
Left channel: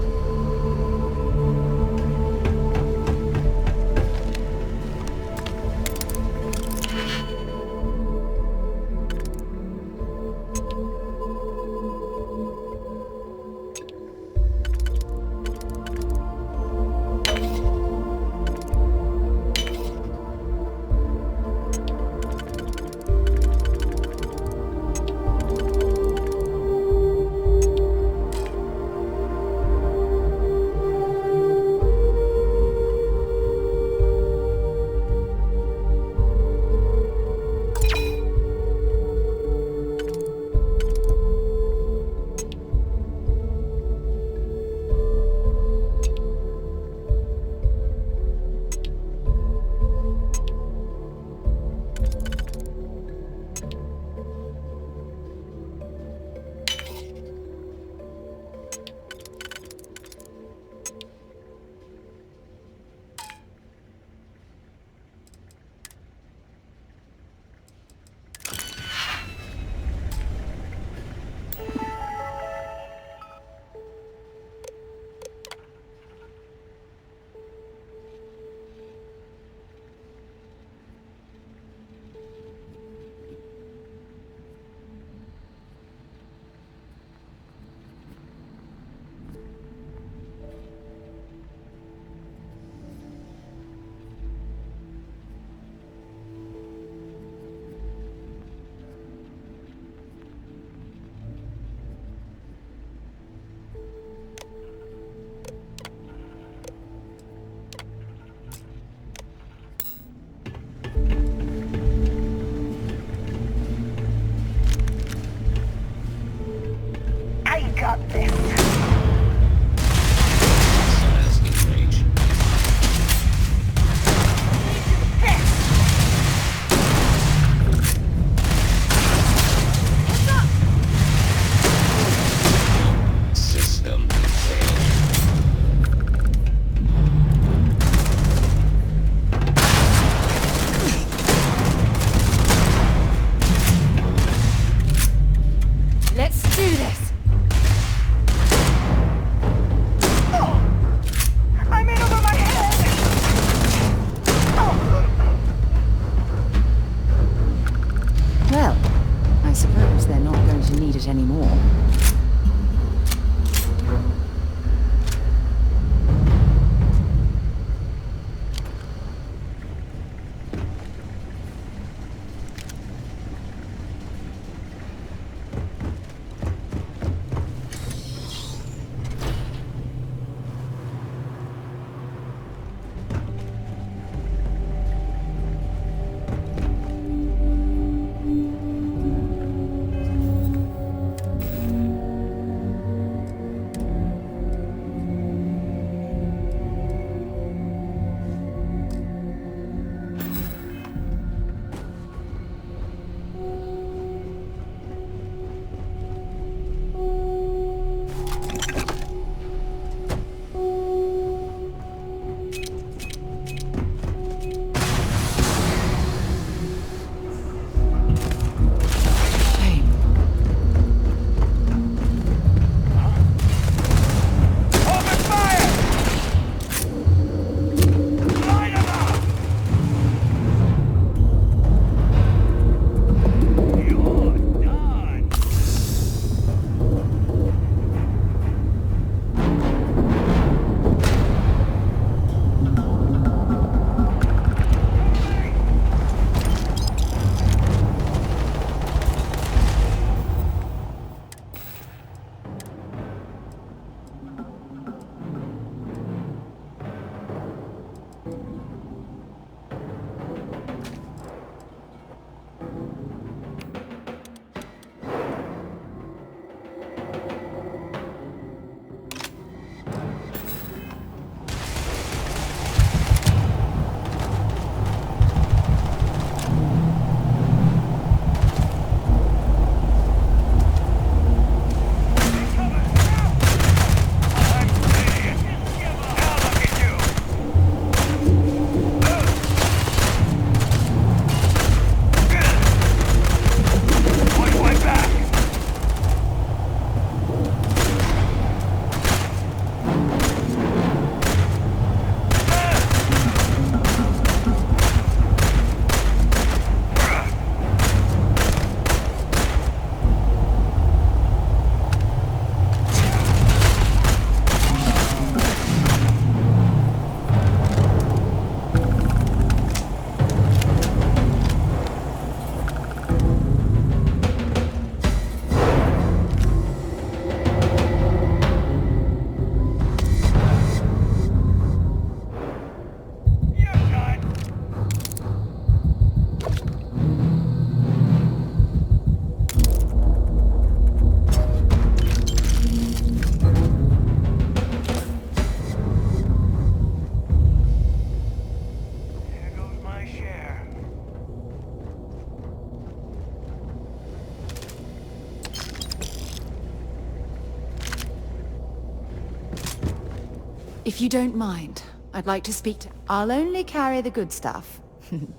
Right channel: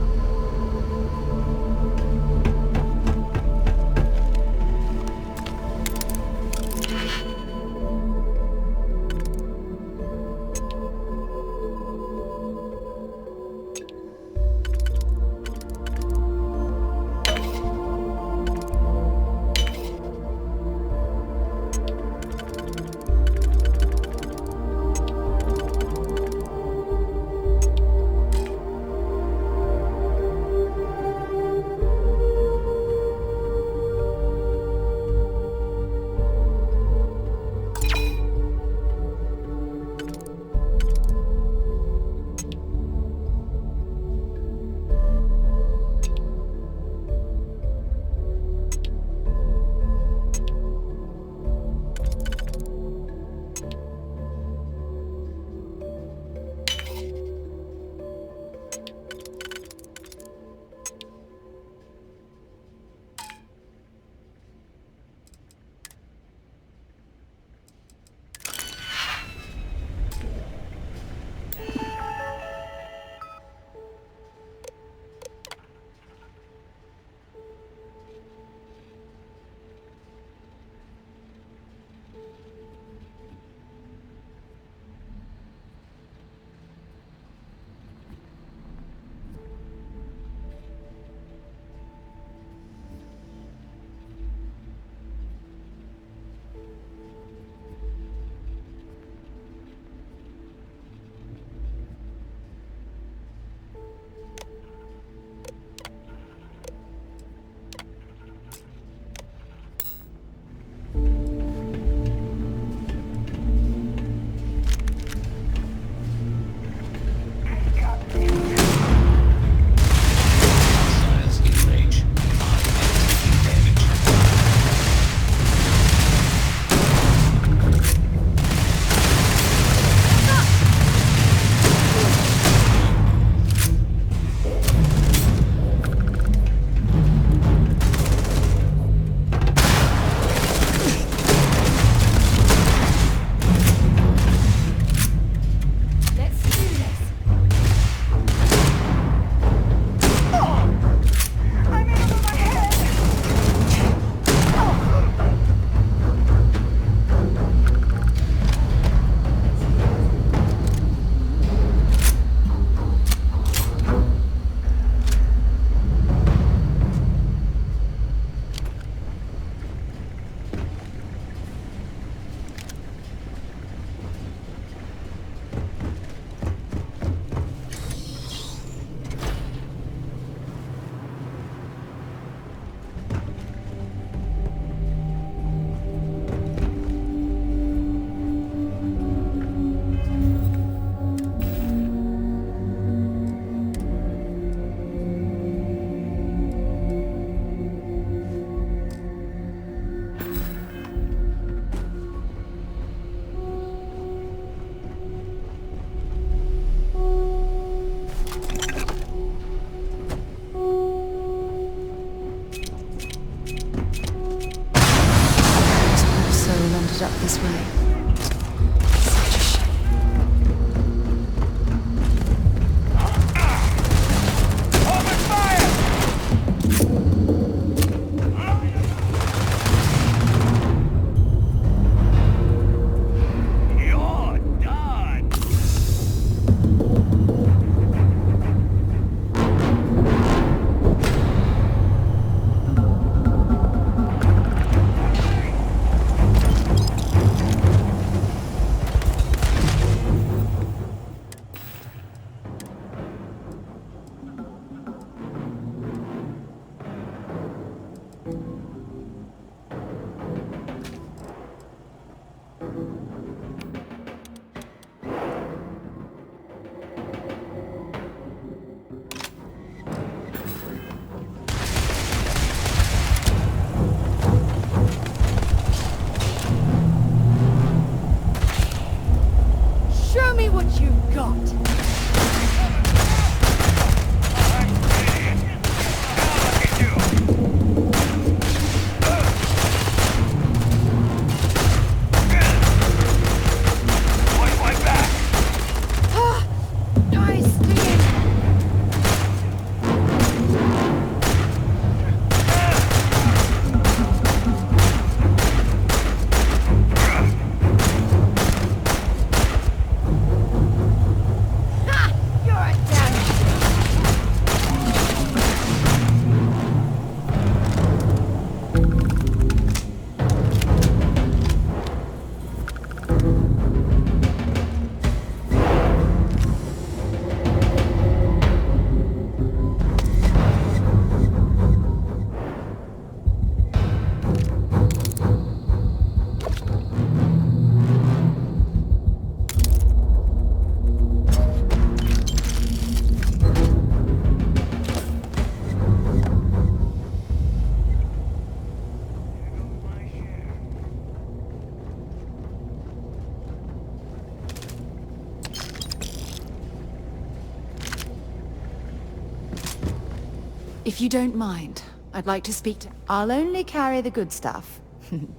If you don't mind, I'd like to speak to... I'll only carry the good stuff.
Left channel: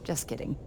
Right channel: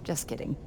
Just kidding.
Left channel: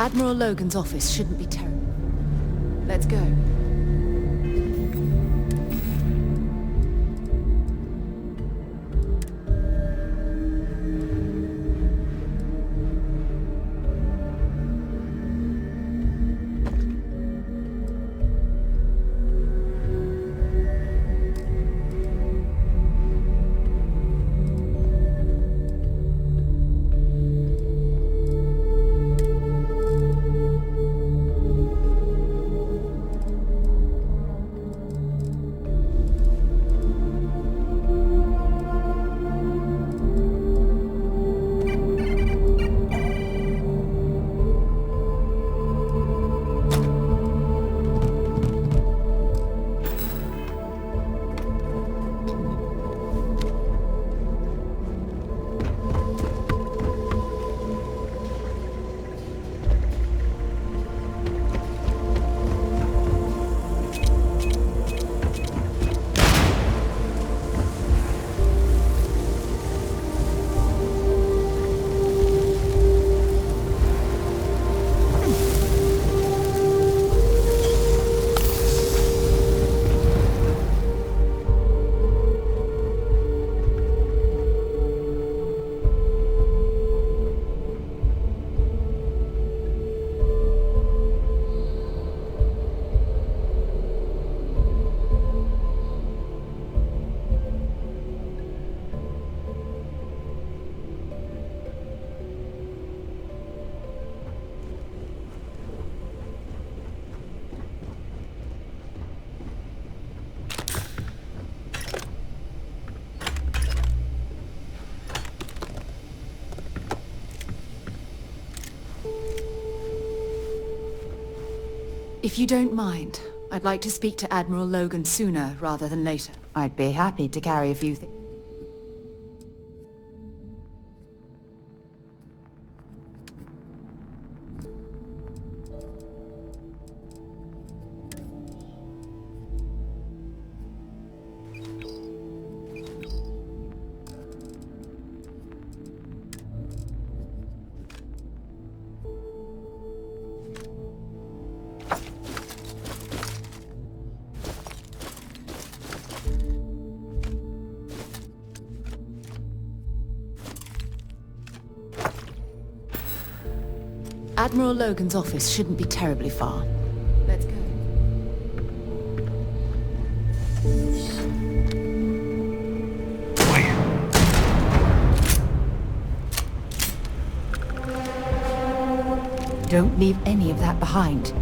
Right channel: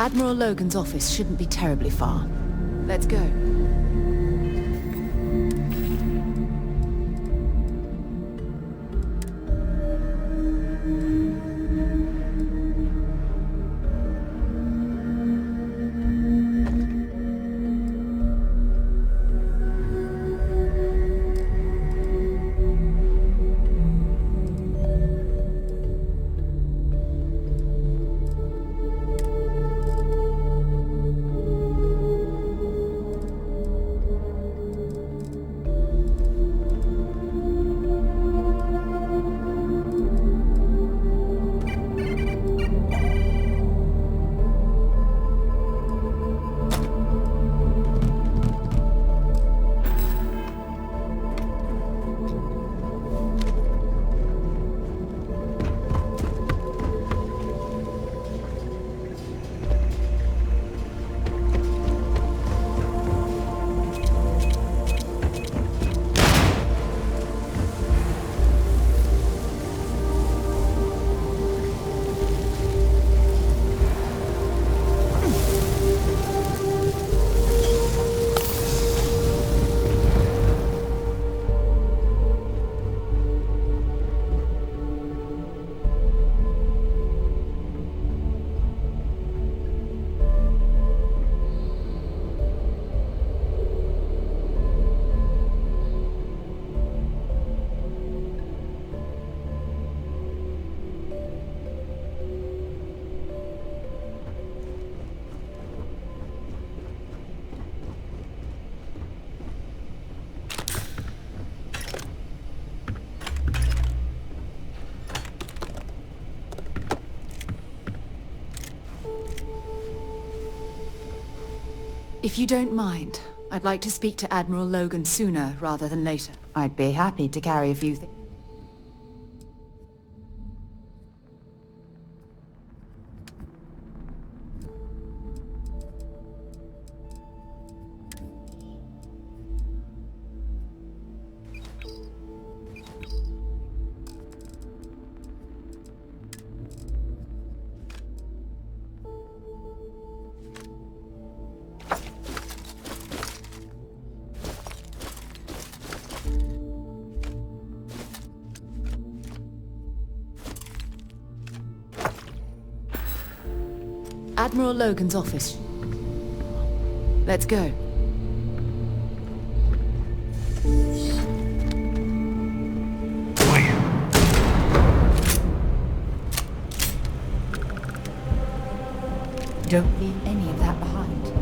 Admiral Logan's office shouldn't be terribly far. Let's go. If you don't mind, I'd like to speak to Admiral Logan sooner rather than later. I'd be happy to carry a few things. Admiral Logan's office shouldn't be terribly far. Let's go. Don't leave any of that behind.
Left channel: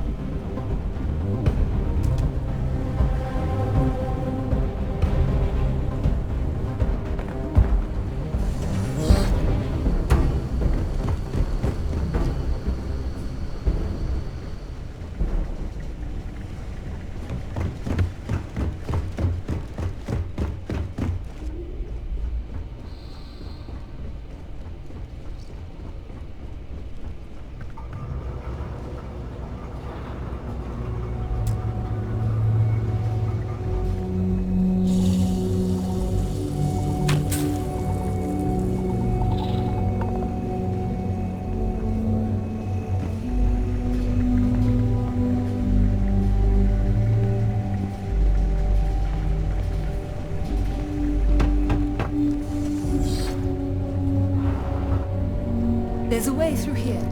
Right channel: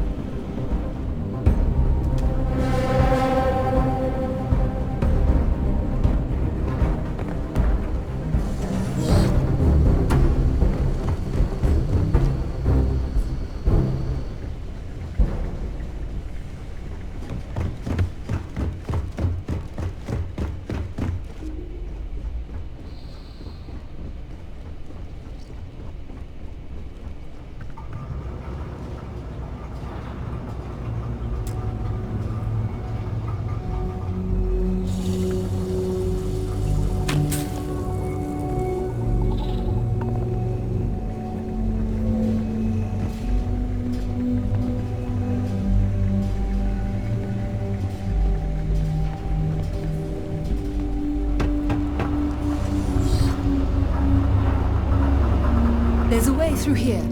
There's a way through here.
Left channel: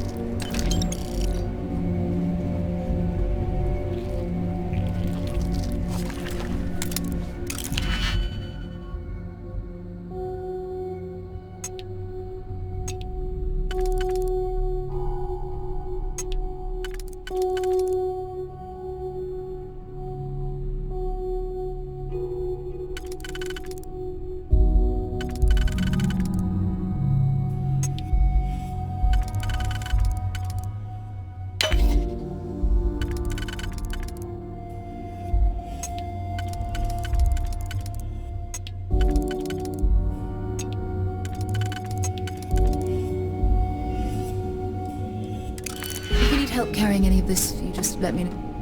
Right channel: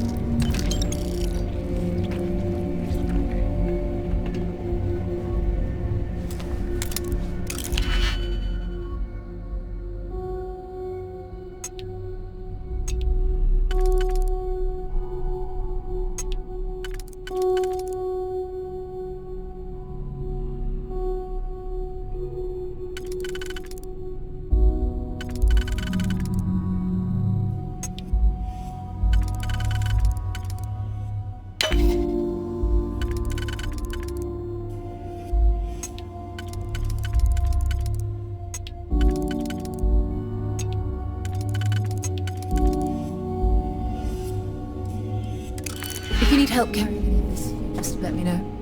help carrying any of this if you just let me know.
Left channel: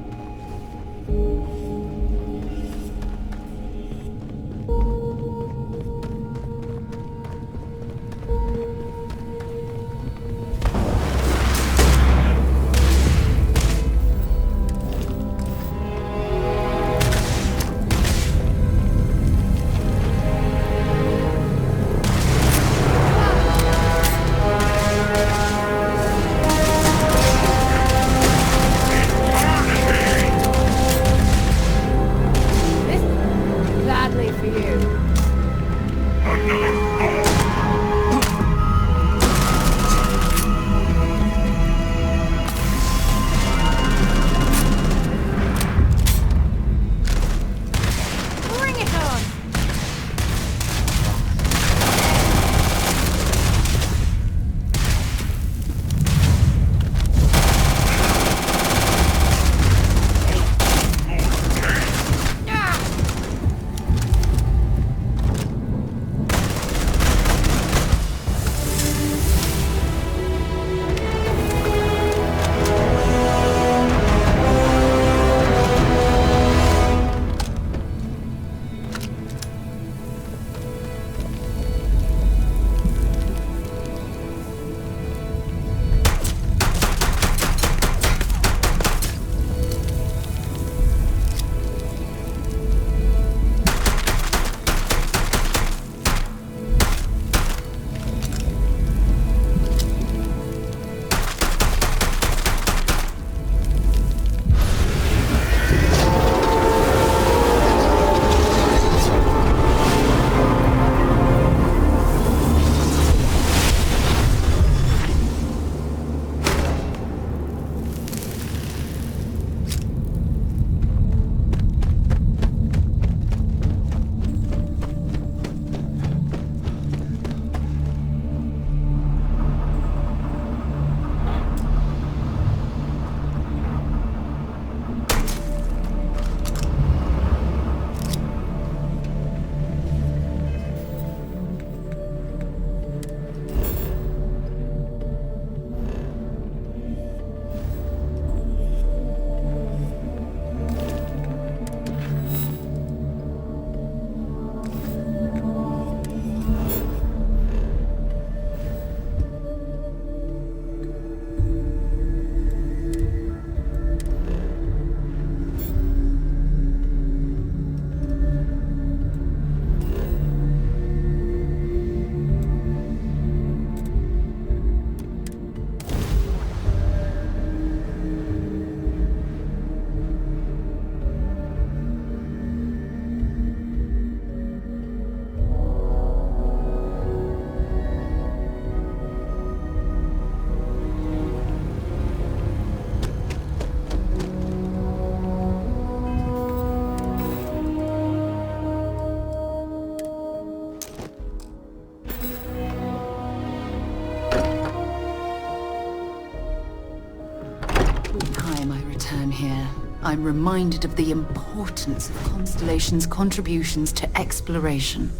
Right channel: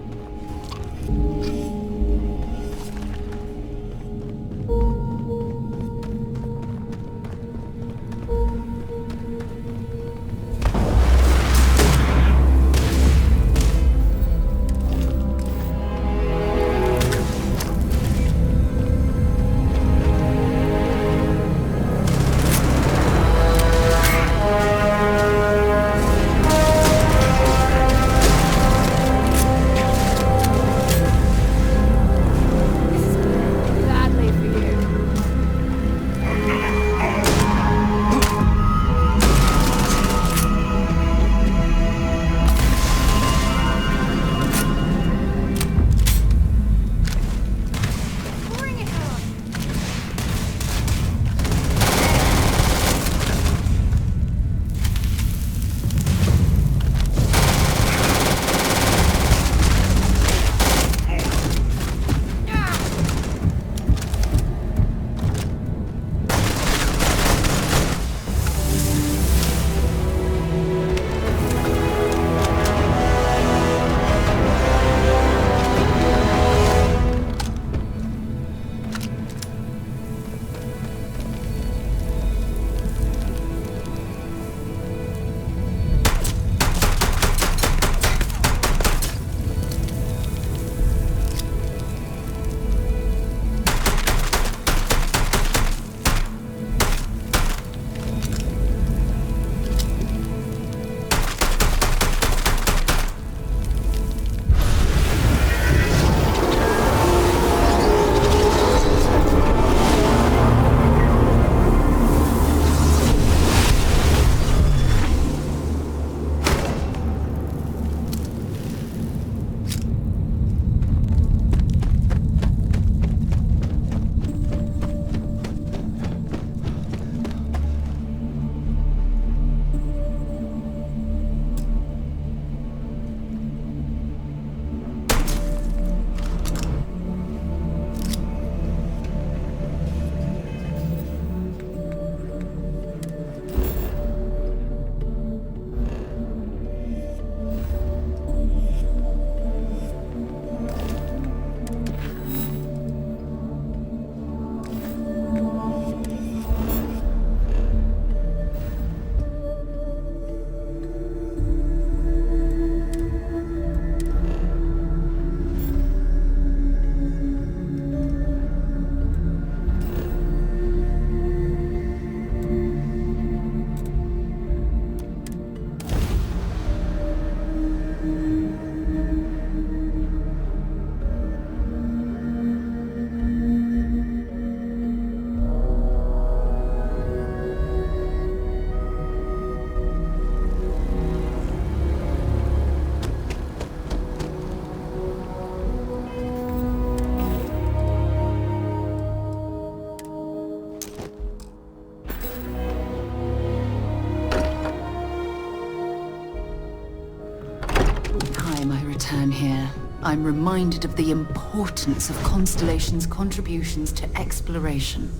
Return here, I'm reminded of the importance of Constellation's contributions to exploration.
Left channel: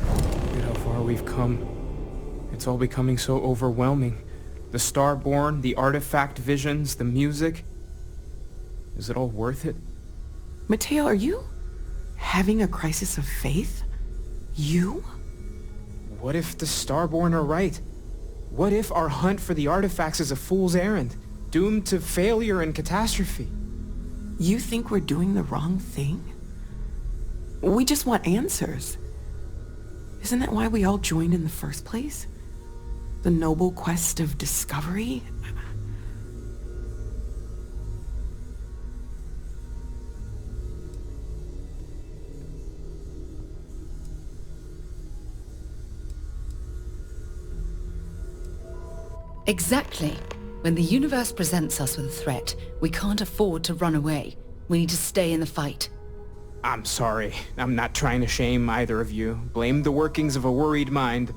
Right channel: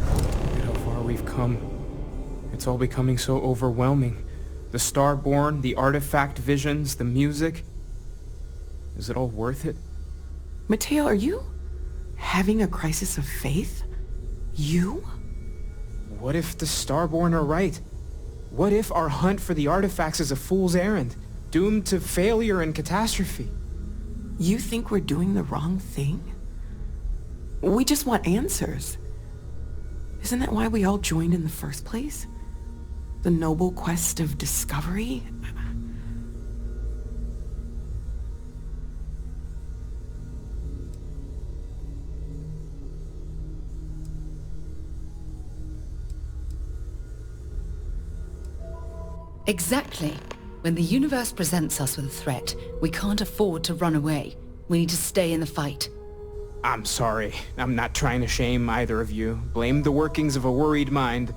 Look at how far we've come. It's all becoming so overwhelming. The Starborn, the artifact visions, the music. Is it all worth it? Mateo, are you having a crisis of faith? You? What if the Starborn are right? What if our hunt for the artifacts is a fool's errand? Doomed to failure and catastrophe. You think we're doing the wrong thing? We just want answers. Isn't that why we all joined in the first place? The noble quest of discovery? Exactly. When the universe presents us with a threat, we can't afford to run away. We need to stay in the fight. I'm sorry. I'm not trying to shame either of you. Blame the workings of a worried mind.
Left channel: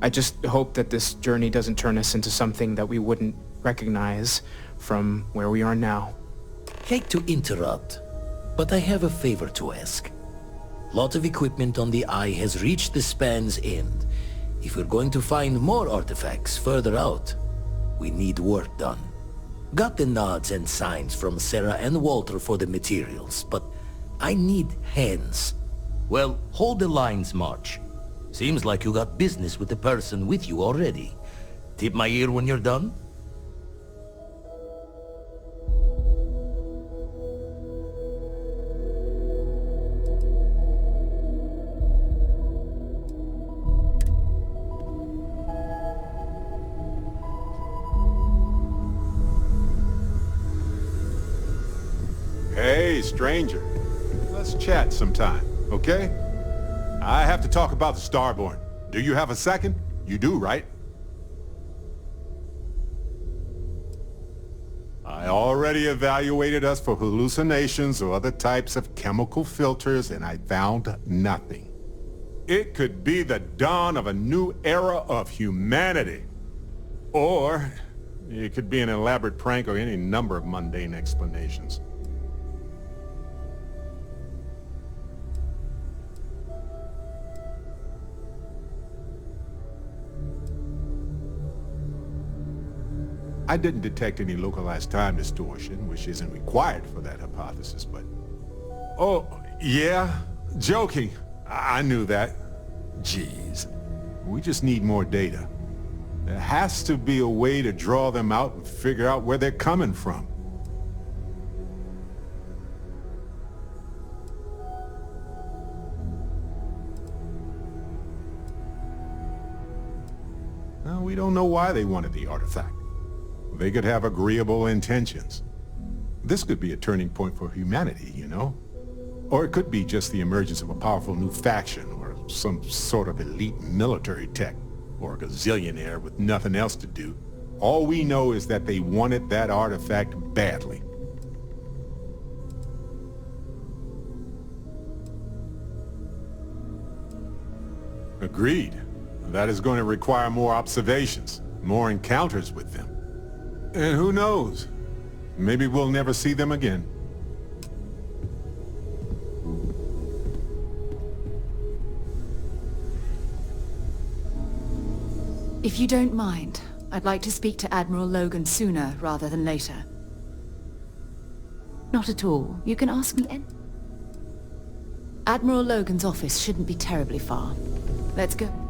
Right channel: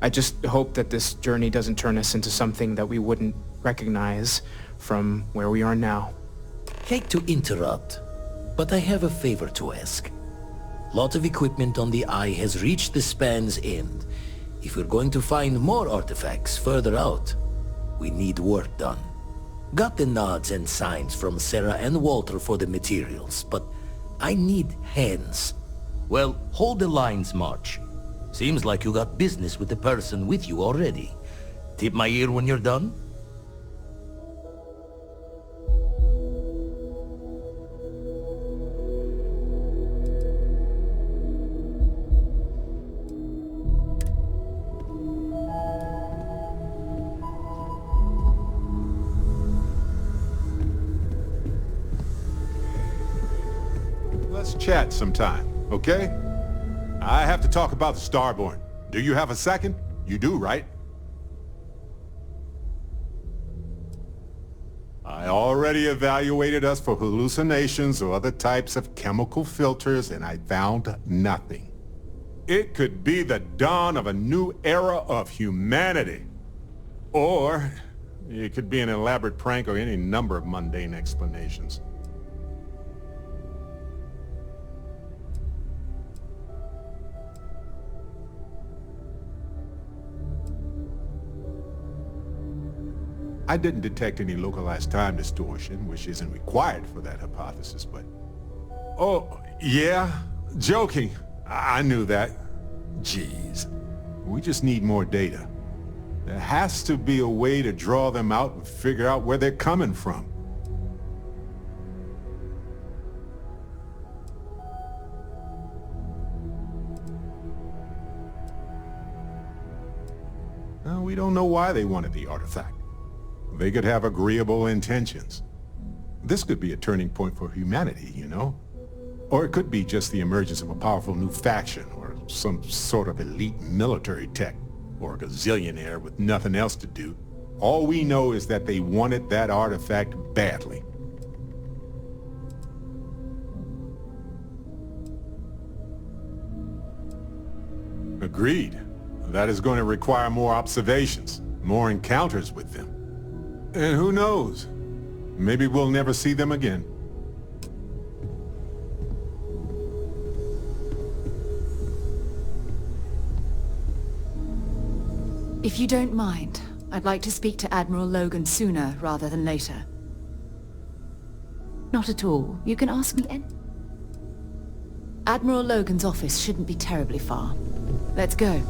I just hope that this journey doesn't turn us into something that we wouldn't recognize from where we are now. Hate to interrupt, but I have a favor to ask. Lot of equipment on the Eye has reached the span's end. If we're going to find more artifacts further out, we need work done. Got the nods and signs from Sarah and Walter for the materials, but I need hands. Well, hold the lines, March. Seems like you got business with the person with you already. Tip my ear when you're done? Hey, stranger. Let's chat sometime, okay? I have to talk about the Starborn. Do you have a second? You do, right? I already evaluated us for hallucinations or other types of chemical filters, and I found nothing. It could be the dawn of a new era of humanity. Or it could be an elaborate prank or any number of mundane explanations. I didn't detect any localized time distortion, which isn't required for that hypothesis, but... Oh, yeah? Joking. I knew that. Jeez. We just need more data. There has to be a way to draw them out and figure out where they're coming from. Now, we don't know why they wanted the artifact. They could have agreeable intentions. This could be a turning point for humanity, you know? Or it could be just the emergence of a powerful new faction, or some sort of elite military tech, or a gazillionaire with nothing else to do. All we know is that they wanted that artifact badly. Agreed. That is going to require more observations, more encounters with them. And who knows? Maybe we'll never see them again. If you don't mind, I'd like to speak to Admiral Logan sooner rather than later. Not at all. You can ask me any... Admiral Logan's office shouldn't be terribly far. Let's go.